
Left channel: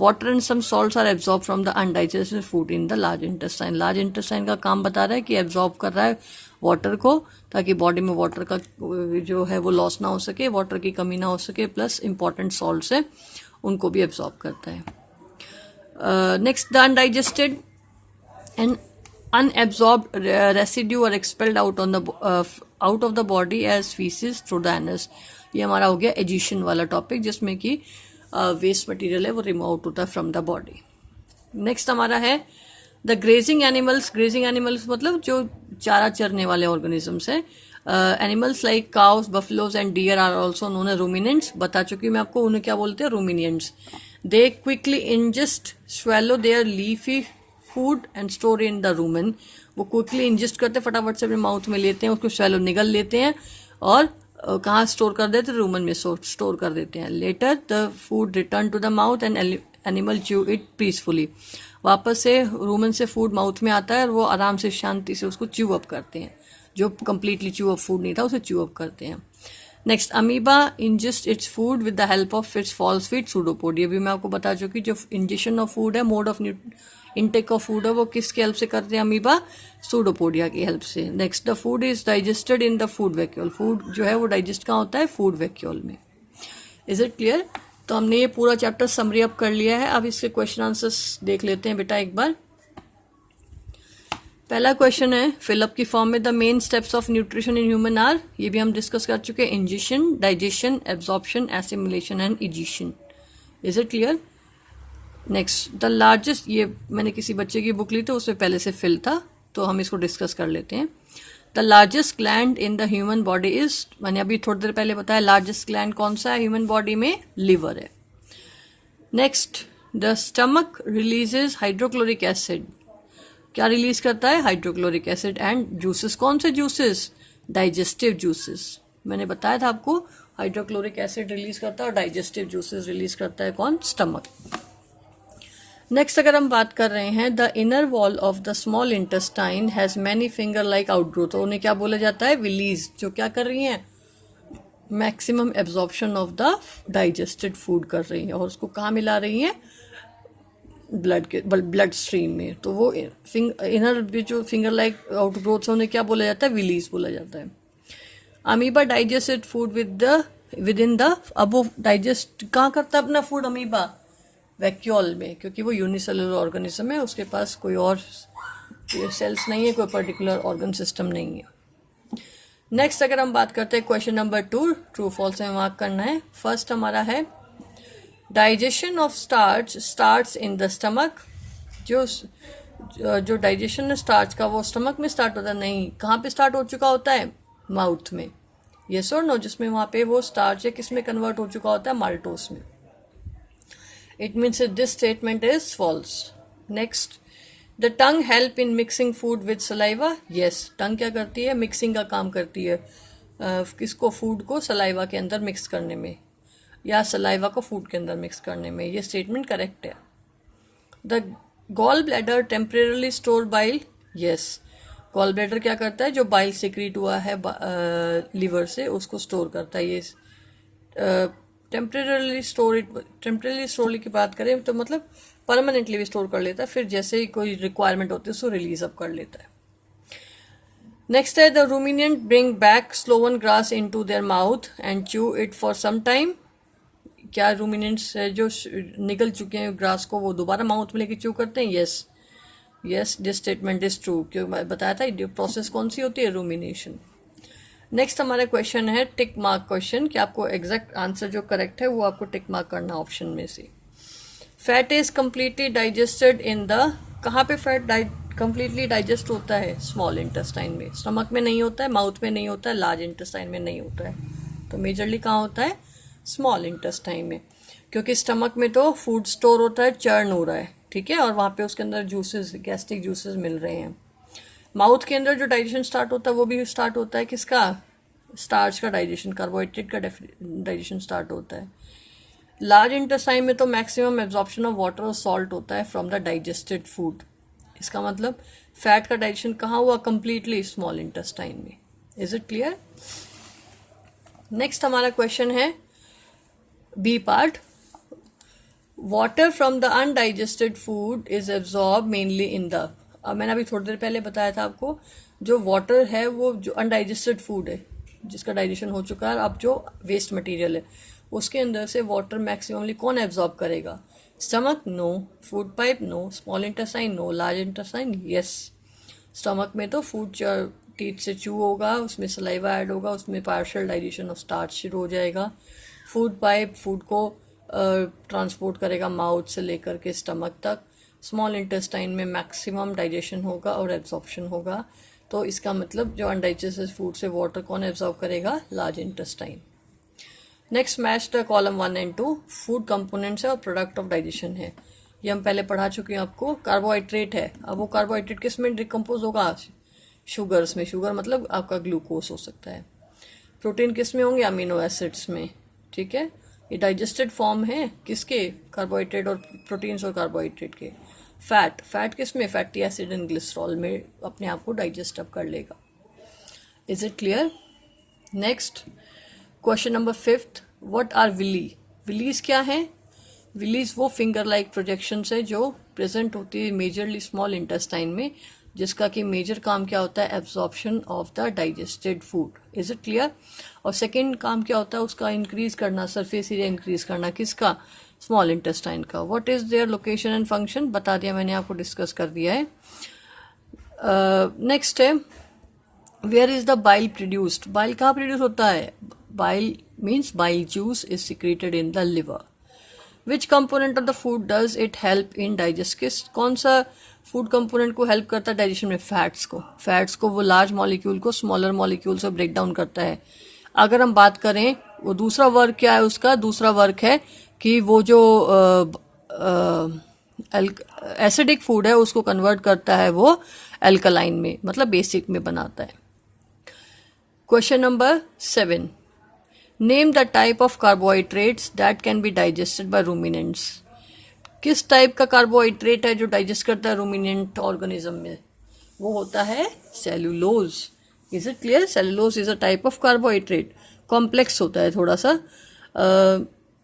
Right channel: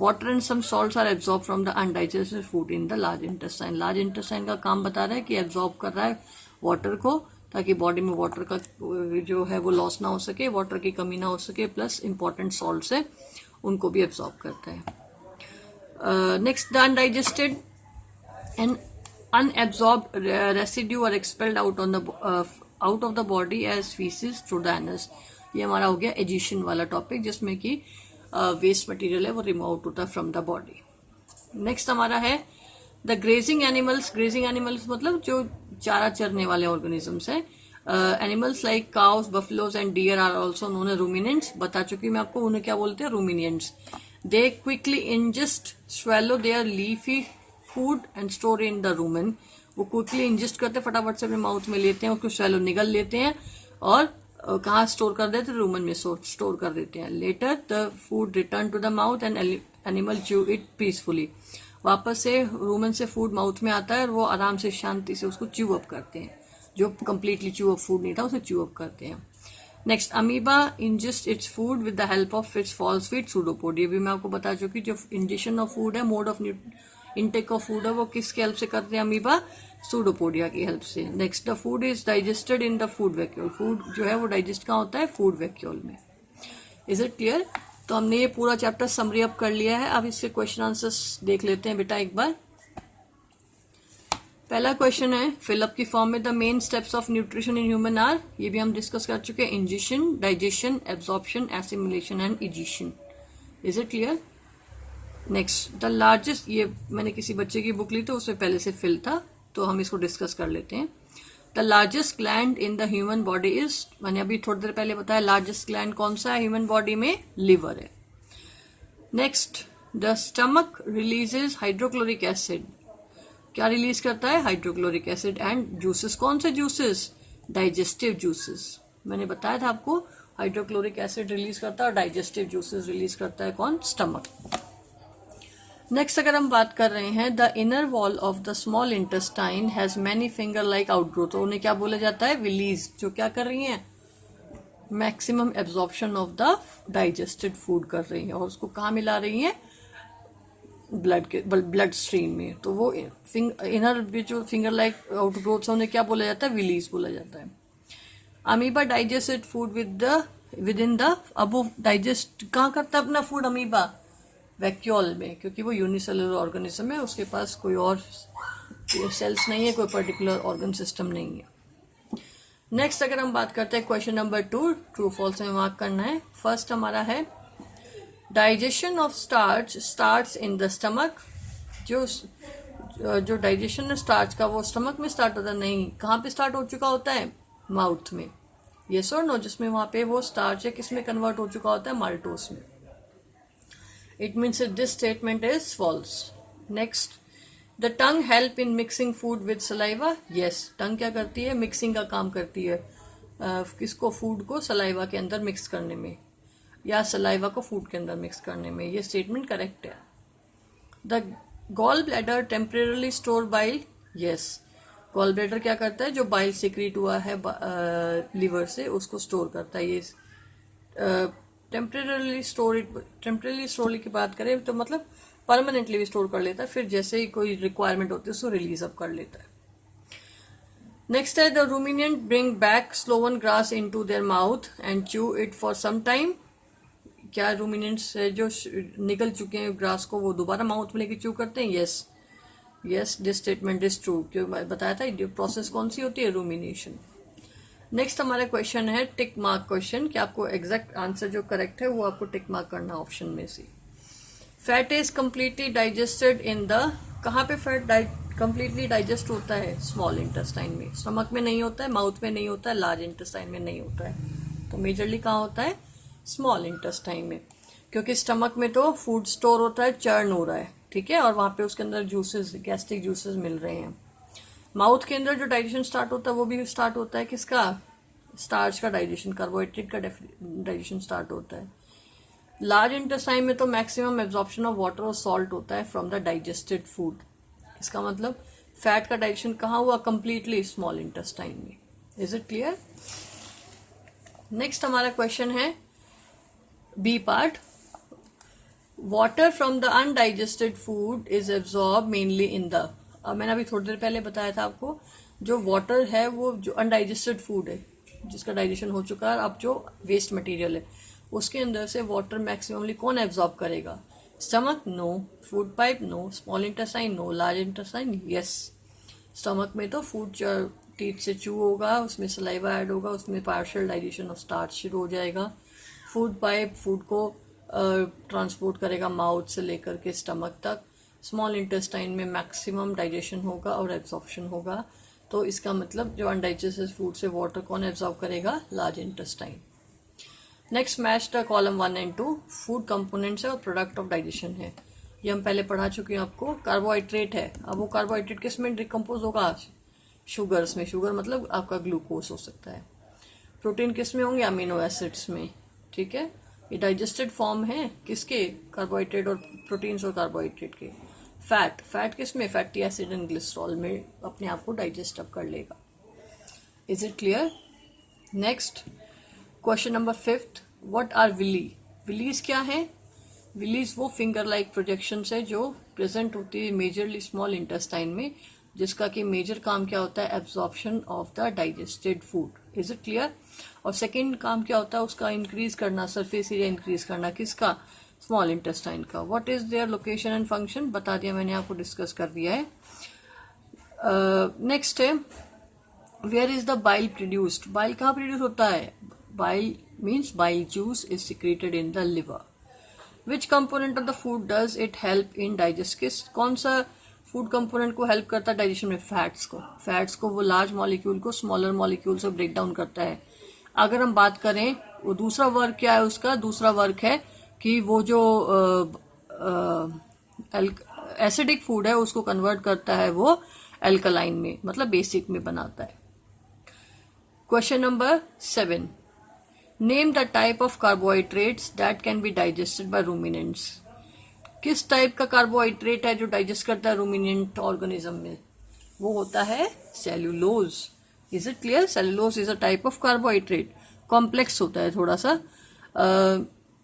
Water and some salts are absorb from the undigested food in the large intestine. Large intestine का काम बता रहा है कि एब्जॉर्ब कर रहा है वाटर को, ताकि बॉडी में वाटर का जो है वो लॉस ना हो सके, वाटर की कमी ना हो सके, प्लस इंपॉर्टेंट सॉल्ट्स है उनको भी एब्जॉर्ब करता है। Next, the undigested and unabsorbed residue are expelled out of the body as feces through the anus। ये हमारा हो गया एजिशन वाला टॉपिक, जिसमें कि वेस्ट मटेरियल है वो रिमूव आउट होता है फ्रॉम द बॉडी। नेक्स्ट हमारा है the grazing animals. Grazing animals मतलब जो चारा चरने वाले ऑर्गेनिजम्स है। Animals like cows, buffaloes and deer are also known as ruminants. बता चुकी मैं आपको उन्हें क्या बोलते हैं, ruminants. They quickly ingest swallow their leafy food and store in the rumen. वो क्विकली इंजेस्ट करते हैं, फटाफट से अपने माउथ में लेते हैं, उसको स्वैलो निगल लेते हैं और कहाँ स्टोर कर देते हैं, रूमन में स्टोर कर देते हैं। Later the food return to the mouth and animal chew it peacefully. वापस से रूमन से फूड माउथ में आता है और वो आराम से शांति से उसको च्यू अप करते हैं। जो कंप्लीटली च्यू अप फूड नहीं था उसे च्यू अप करते हैं। Next, amoeba ingest its food with the help of its false feet pseudopod. ये भी मैं आपको बता चुकी, जो इंजेशन ऑफ फूड है, mode of intake of food है, वो किसकी हेल्प से करते हैं, अमीबा सूडोपोडिया की हेल्प से। Next, the food is digested in the food vacuole. Food जो है वो डाइजेस्ट कहाँ होता है, फूड वैक्यूल में। Is it clear? तो हमने ये पूरा चैप्टर समरी अप कर लिया है। अब इसके क्वेश्चन आंसर्स देख लेते हैं बेटा एक बार। पहला क्वेश्चन है फिलअप की फॉर्म में, the main steps of nutrition in human are. ये भी हम डिस्कस कर चुके हैं, ingestion, digestion, absorption, assimilation and egestion. Is it clear? Next, the largest, ये मैंने किसी बच्चे की बुक ली थी, उसमें पहले से फिल था, तो हम इसको डिस्कस कर लेते हैं। The largest gland in the human body is, मैंने अभी थोड़ी देर पहले बताया, लार्जेस्ट ग्लैंड कौन सा है ह्यूमन बॉडी में, लिवर है। Next, the stomach releases hydrochloric acid. क्या रिलीज करता है, हाइड्रोक्लोरिक एसिड एंड जूसेस। कौन से जूसेस, डाइजेस्टिव जूसेस। मैंने बताया था आपको, हाइड्रोक्लोरिक एसिड रिलीज करता है और डाइजेस्टिव जूसेस रिलीज करता है कौन, स्टमक। नेक्स्ट अगर हम बात कर रहे हैं, the inner wall of the small intestine has many finger like outgrowth. उन्हें क्या बोला जाता है, विलीज, जो क्या कर रही हैं, maximum absorption of the digested food कर रही है और उसको कहाँ मिला रही हैं, ब्लड स्ट्रीम में। तो वो इनर जो फिंगर लाइक आउटग्रोथ है उन्हें क्या बोला जाता है, विलीज बोला जाता है। Amoeba digested food with in the, अब वो डाइजेस्ट कहाँ करता है अपना फूड, अमीबा वैक्यूल में, क्योंकि वो यूनिसेलुलर ऑर्गेनिज्म है, उसके पास कोई और सेल्स नहीं है, कोई पर्टिकुलर ऑर्गन सिस्टम नहीं है। नेक्स्ट अगर हम बात करते हैं क्वेश्चन नंबर 2, ट्रू फॉल्स में मार्क करना है। फर्स्ट हमारा है digestion of starch starts in the stomach. जो डाइजेशन है स्टार्च का वो स्टमक में स्टार्ट होता है, नहीं, कहाँ पे स्टार्ट हो चुका होता है, माउथ में। यस और नो, जिसमें वहां पे वो स्टार्च है किस में कन्वर्ट हो चुका होता है, माल्टोस में। It means that this statement is false. Next, the tongue help in mixing food with saliva. Yes, tongue क्या करती है, मिक्सिंग का काम करती है, किसको, फूड को सलाइवा के अंदर मिक्स करने में, या सलाइवा को फूड के अंदर मिक्स करने में। ये स्टेटमेंट करेक्ट है। The gall bladder temporarily store bile, yes. Gall bladder क्या करता है, जो बाइल सिक्रीट हुआ है लीवर से उसको स्टोर करता है। ये टेम्परेरली स्टोर की बात करें तो मतलब परमानेंटली भी स्टोर कर लेता है, फिर जैसे ही कोई रिक्वायरमेंट होती है उसको रिलीज अप कर लेता है। नेक्स्ट है the ruminant bring back swallowed grass into their mouth and chew it for some time. क्या रूमिनेंट्स जो निकल चुके हैं ग्रास को वो दोबारा माउथ में लेके च्यू करते हैं? Yes yes, this statement is true. क्यों बताया था प्रोसेस कौन सी होती है, रूमिनेशन। नेक्स्ट हमारा क्वेश्चन है टिक मार्क क्वेश्चन, कि आपको एग्जैक्ट आंसर जो करेक्ट है वो आपको टिक मार्क करना ऑप्शन में से। Fat is completely digested in the, कहाँ पे फैट कम्प्लीटली डाइजेस्ट होता है? स्मॉल इंटेस्टाइन में। स्टमक में नहीं होता है, माउथ में नहीं होता है, लार्ज इंटेस्टाइन में नहीं होता है, तो मेजरली कहाँ होता है? स्मॉल इंटेस्टाइन में। क्योंकि स्टमक में तो फूड स्टोर होता है, चर्न हो रहा है, ठीक है, और वहां पे उसके अंदर जूसेस, गैस्ट्रिक जूसेस मिल रहे हैं। माउथ के अंदर जो डाइजेशन स्टार्ट होता है वो भी स्टार्ट होता है किसका? स्टार्च का डाइजेशन, कार्बोहाइड्रेट का डाइजेशन स्टार्ट होता है। लार्ज इंटेस्टाइन में तो मैक्सिमम एब्जॉर्प्शन ऑफ वाटर और सॉल्ट होता है फ्रॉम द डाइजेस्टेड फूड। इसका मतलब फैट का डाइजेशन कहाँ हुआ? कंप्लीटली स्मॉल इंटेस्टाइन में। Is it clear? नेक्स्ट हमारा क्वेश्चन है B part. Water from the undigested food is absorb mainly in the, अब मैंने अभी थोड़ी देर पहले बताया था आपको, जो वाटर है वो जो अनडाइजेस्टेड फूड है जिसका डाइजेशन हो चुका है, अब जो वेस्ट मटेरियल है उसके अंदर से वाटर मैक्सिममली कौन एब्जॉर्ब करेगा? Stomach? No. Food pipe? No. Small intestine? No. Large intestine? Yes. Stomach में तो फूड टीथ से चू होगा, उसमें सलाइवा ऐड होगा, उसमें पार्शियल डाइजेशन ऑफ स्टार्च शुरू हो जाएगा। फूड पाइप फूड को ट्रांसपोर्ट करेगा माउथ से लेकर के स्टमक तक। स्मॉल इंटेस्टाइन में मैक्सिमम डाइजेशन होगा और एब्जॉर्प्शन होगा। तो इसका मतलब जो अनडाइजेस्टेड फूड से वाटर कौन एब्जॉर्ब करेगा? Large intestine. Next match the column 1 and 2। Food components है और प्रोडक्ट ऑफ डाइजेशन है, ये हम पहले पढ़ा चुके हैं आपको। कार्बोहाइड्रेट है, अब वो कार्बोहाइड्रेट किस में डिकम्पोज होगा? शुगर्स में। शुगर मतलब आपका ग्लूकोज हो सकता है। प्रोटीन किस में होंगे? अमीनो एसिड्स में, ठीक है। ये डाइजेस्टेड फॉर्म है किसके? कार्बोहाइड्रेट और प्रोटीन्स और कार्बोहाइड्रेट के। फैट किस में? फैटी एसिड एंड ग्लिसरॉल में अपने आप को डाइजेस्ट अप कर लेगा। Is it clear? Next question number 5th। What are Willie? Villis क्या है? विलीज वो फिंगर लाइक प्रोजेक्शंस है जो प्रेजेंट होती है मेजरली स्मॉल इंटेस्टाइन में, जिसका कि मेजर काम क्या होता है? Absorption of the digested food. Is it clear? और सेकेंड काम क्या होता है उसका? इंक्रीज करना, सरफेस एरिया इंक्रीज करना। किसका? स्मॉल इंटेस्टाइन का। What is their location and function? बता दिया मैंने, आपको डिस्कस कर दिया है। नेक्स्ट है where is the bile produced? Bile कहाँ प्रोड्यूस होता है? Bile means bile juice is secreted in the liver. Which component of the food does it help in digest? कौन सा फूड कंपोनेंट को हेल्प करता है डाइजेशन में? फैट्स को। फैट्स को वो लार्ज मॉलिक्यूल को स्मॉलर मॉलिक्यूल से ब्रेक डाउन करता है। अगर हम बात करें वो दूसरा वर्क क्या है उसका? दूसरा वर्क है कि वो जो एसिडिक फूड है उसको कन्वर्ट करता है वो एल्कलाइन में, मतलब बेसिक में बनाता है। Question number 7। Name the type of carbohydrates that can be digested by ruminants. किस टाइप का कार्बोहाइड्रेट है जो डाइजेस्ट करता है रूमिनेंट ऑर्गेनिज्म में? वो होता है cellulose. Is it clear? Cellulose is a type of carbohydrate. Complex होता है थोड़ा सा,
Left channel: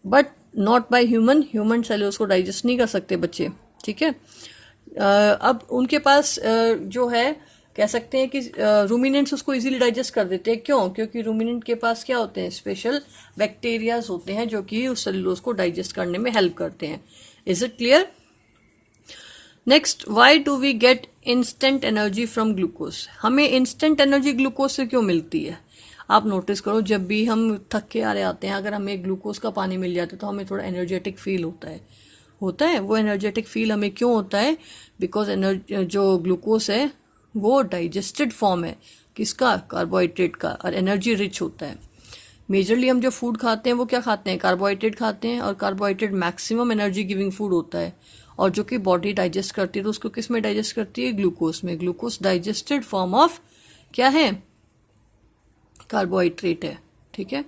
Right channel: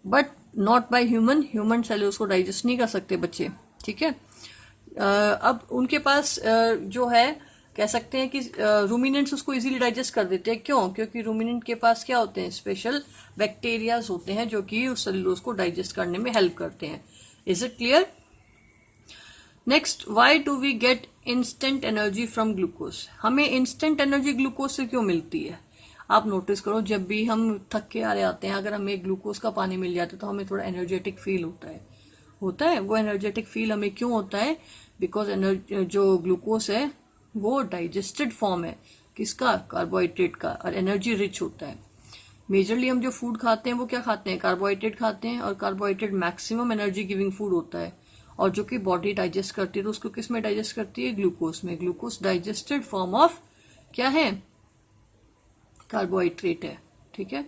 but not by human. Human cellulose को डाइजेस्ट नहीं कर सकते बच्चे, ठीक है। अब उनके पास जो है कह सकते हैं कि रूमिनेंट्स उसको इजीली डाइजेस्ट कर देते हैं। क्यों? क्योंकि रूमिनेंट के पास क्या होते हैं? स्पेशल बैक्टीरियाज होते हैं जो कि उस सेल्यूलोज को डाइजेस्ट करने में हेल्प करते हैं। Is it clear? Next, why do we get instant energy from glucose? हमें इंस्टेंट एनर्जी ग्लूकोज से क्यों मिलती है? आप नोटिस करो, जब भी हम थक के आ रहे आते हैं, अगर हमें ग्लूकोज का पानी मिल जाता है तो हमें थोड़ा एनर्जेटिक फील होता है। वो एनर्जेटिक फील हमें क्यों होता है? बिकॉज जो ग्लूकोज है वो डाइजेस्टेड फॉर्म है किसका? कार्बोहाइड्रेट का, और एनर्जी रिच होता है। मेजरली हम जो फूड खाते हैं वो क्या खाते हैं? कार्बोहाइड्रेट खाते हैं, और carbohydrate maximum energy giving food होता है, और जो कि बॉडी डाइजेस्ट करती है तो उसको किस में डाइजेस्ट करती है? ग्लूकोज में। ग्लूकोज डाइजेस्टेड फॉर्म ऑफ क्या है? कार्बोहाइड्रेट है, ठीक है।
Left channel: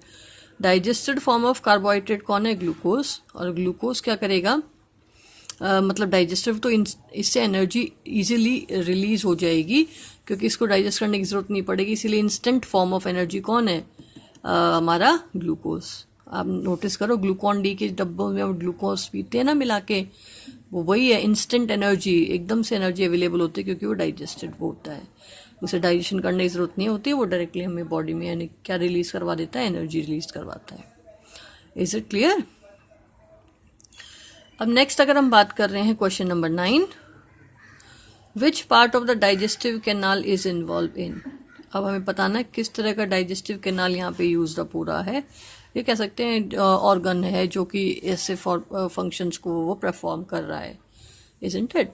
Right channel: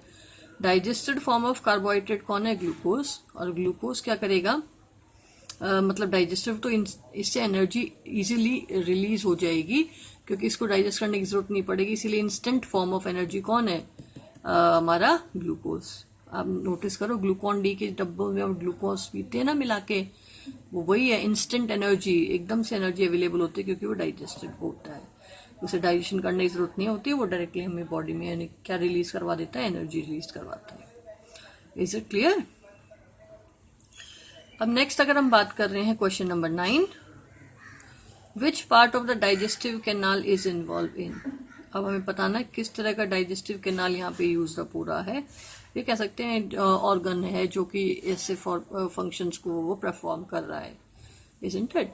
डाइजेस्टेड फॉर्म ऑफ कार्बोहाइड्रेट कौन है? ग्लूकोज। और ग्लूकोज क्या करेगा? मतलब डाइजेस्टिव, तो इससे एनर्जी इजीली रिलीज हो जाएगी क्योंकि इसको डाइजेस्ट करने की जरूरत नहीं पड़ेगी। इसीलिए इंस्टेंट फॉर्म ऑफ एनर्जी कौन है? हमारा ग्लूकोज। आप नोटिस करो ग्लूकॉन डी के डब्बों में हम ग्लूकोज पीते हैं ना मिला के, वो वही है, इंस्टेंट एनर्जी, एकदम से एनर्जी अवेलेबल होती है क्योंकि वो डाइजेस्टेड होता है। उसे डाइजेशन करने की जरूरत नहीं होती, वो डायरेक्टली हमें बॉडी में यानी क्या रिलीज करवा देता है? एनर्जी रिलीज करवाता है। Is it clear? अब नेक्स्ट अगर हम बात कर रहे हैं question number 9, which part of the digestive canal is involve in. अब हमें बताना है किस तरह का डाइजेस्टिव कैनाल यहाँ पे यूज पूरा है। ये कह सकते हैं ऑर्गन है जो कि ऐसे फंक्शंस को वो परफॉर्म कर रहा है। Isn't it?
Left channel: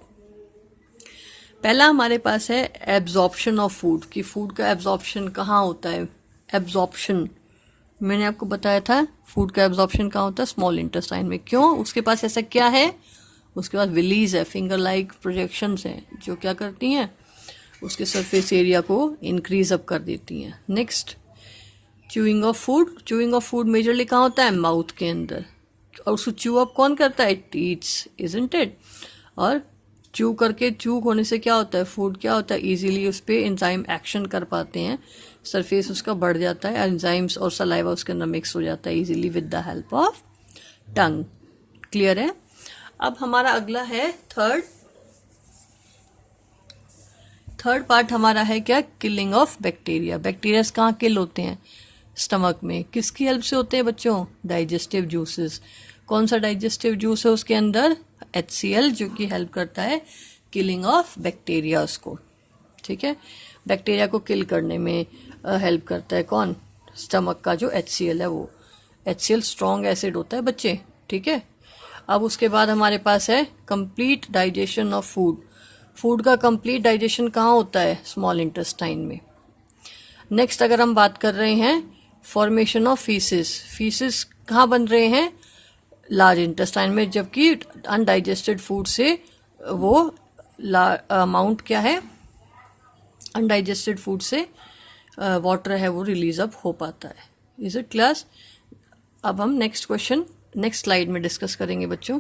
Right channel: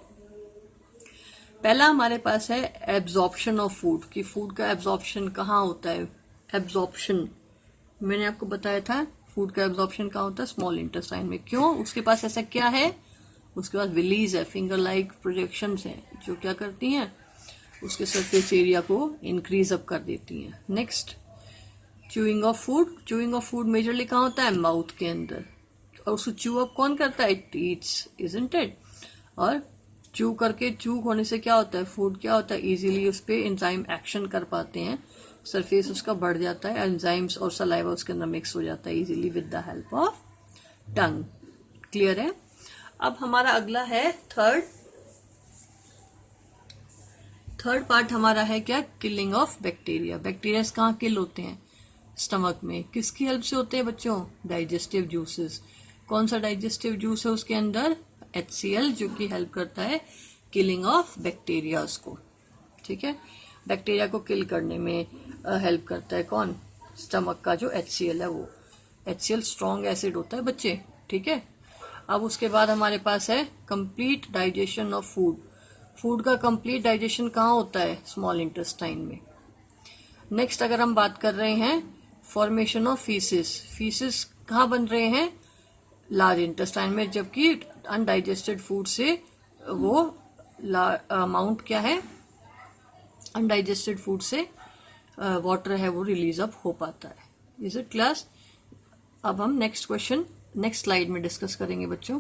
पहला हमारे पास है एब्जॉर्प्शन ऑफ फूड, कि फूड का एब्जॉर्प्शन कहाँ होता है? एब्जॉर्प्शन मैंने आपको बताया था, फूड का एब्जॉर्प्शन कहाँ होता है? स्मॉल इंटेस्टाइन में। क्यों? उसके पास ऐसा क्या है? उसके पास विलीज है, फिंगर लाइक प्रोजेक्शंस हैं जो क्या करती हैं? उसके सरफेस एरिया को इंक्रीज अप कर देती हैं। Next, chewing of food. Chewing of food majorly कहाँ होता है? माउथ के अंदर। और उसको च्यू अप कौन करता है? It eats, isn't it? और च्यू करके, च्यू होने से क्या होता है? फूड क्या होता है? इजीली उस पर एंजाइम एक्शन कर पाते हैं, सरफेस उसका बढ़ जाता है, एंजाइम्स और सलाइवा उसके अंदर मिक्स हो जाता है easily with the help of tongue. Clear है? अब हमारा अगला है थर्ड पार्ट हमारा है क्या? Killing of bacteria. बैक्टीरिया कहाँ किल होते हैं? स्टमक में। किसकी हेल्प से होते हैं बच्चों? Digestive juices. कौन सा डाइजेस्टिव जूस है उसके अंदर? HCl, जो कि हेल्प करता है किलिंग ऑफ बैक्टीरिया को। ठीक है, बैक्टीरिया को किल करने में हेल्प करता है कौन? स्टमक का जो HCl है वो। HCl स्ट्रॉन्ग एसिड होता है बच्चे। ठीक है, अब उसके बाद हमारे पास है complete digestion of food. Food का कंप्लीट डाइजेशन कहाँ होता है? स्मॉल इंटेस्टाइन में। नेक्स्ट अगर हम बात कर रहे हैं फॉर्मेशन ऑफ फीसिस। फीसिस कहाँ बन रहे हैं? लार्ज इंटेस्टाइन में, जबकि अनडाइजेस्टेड फूड से वो अमाउंट क्या है? अनडाइजेस्टेड फूड से वाटर है वो रिलीज अप हो पाता है। Is it class? अब हम नेक्स्ट क्वेश्चन नेक्स्ट स्लाइड में डिस्कस करेंगे बच्चों।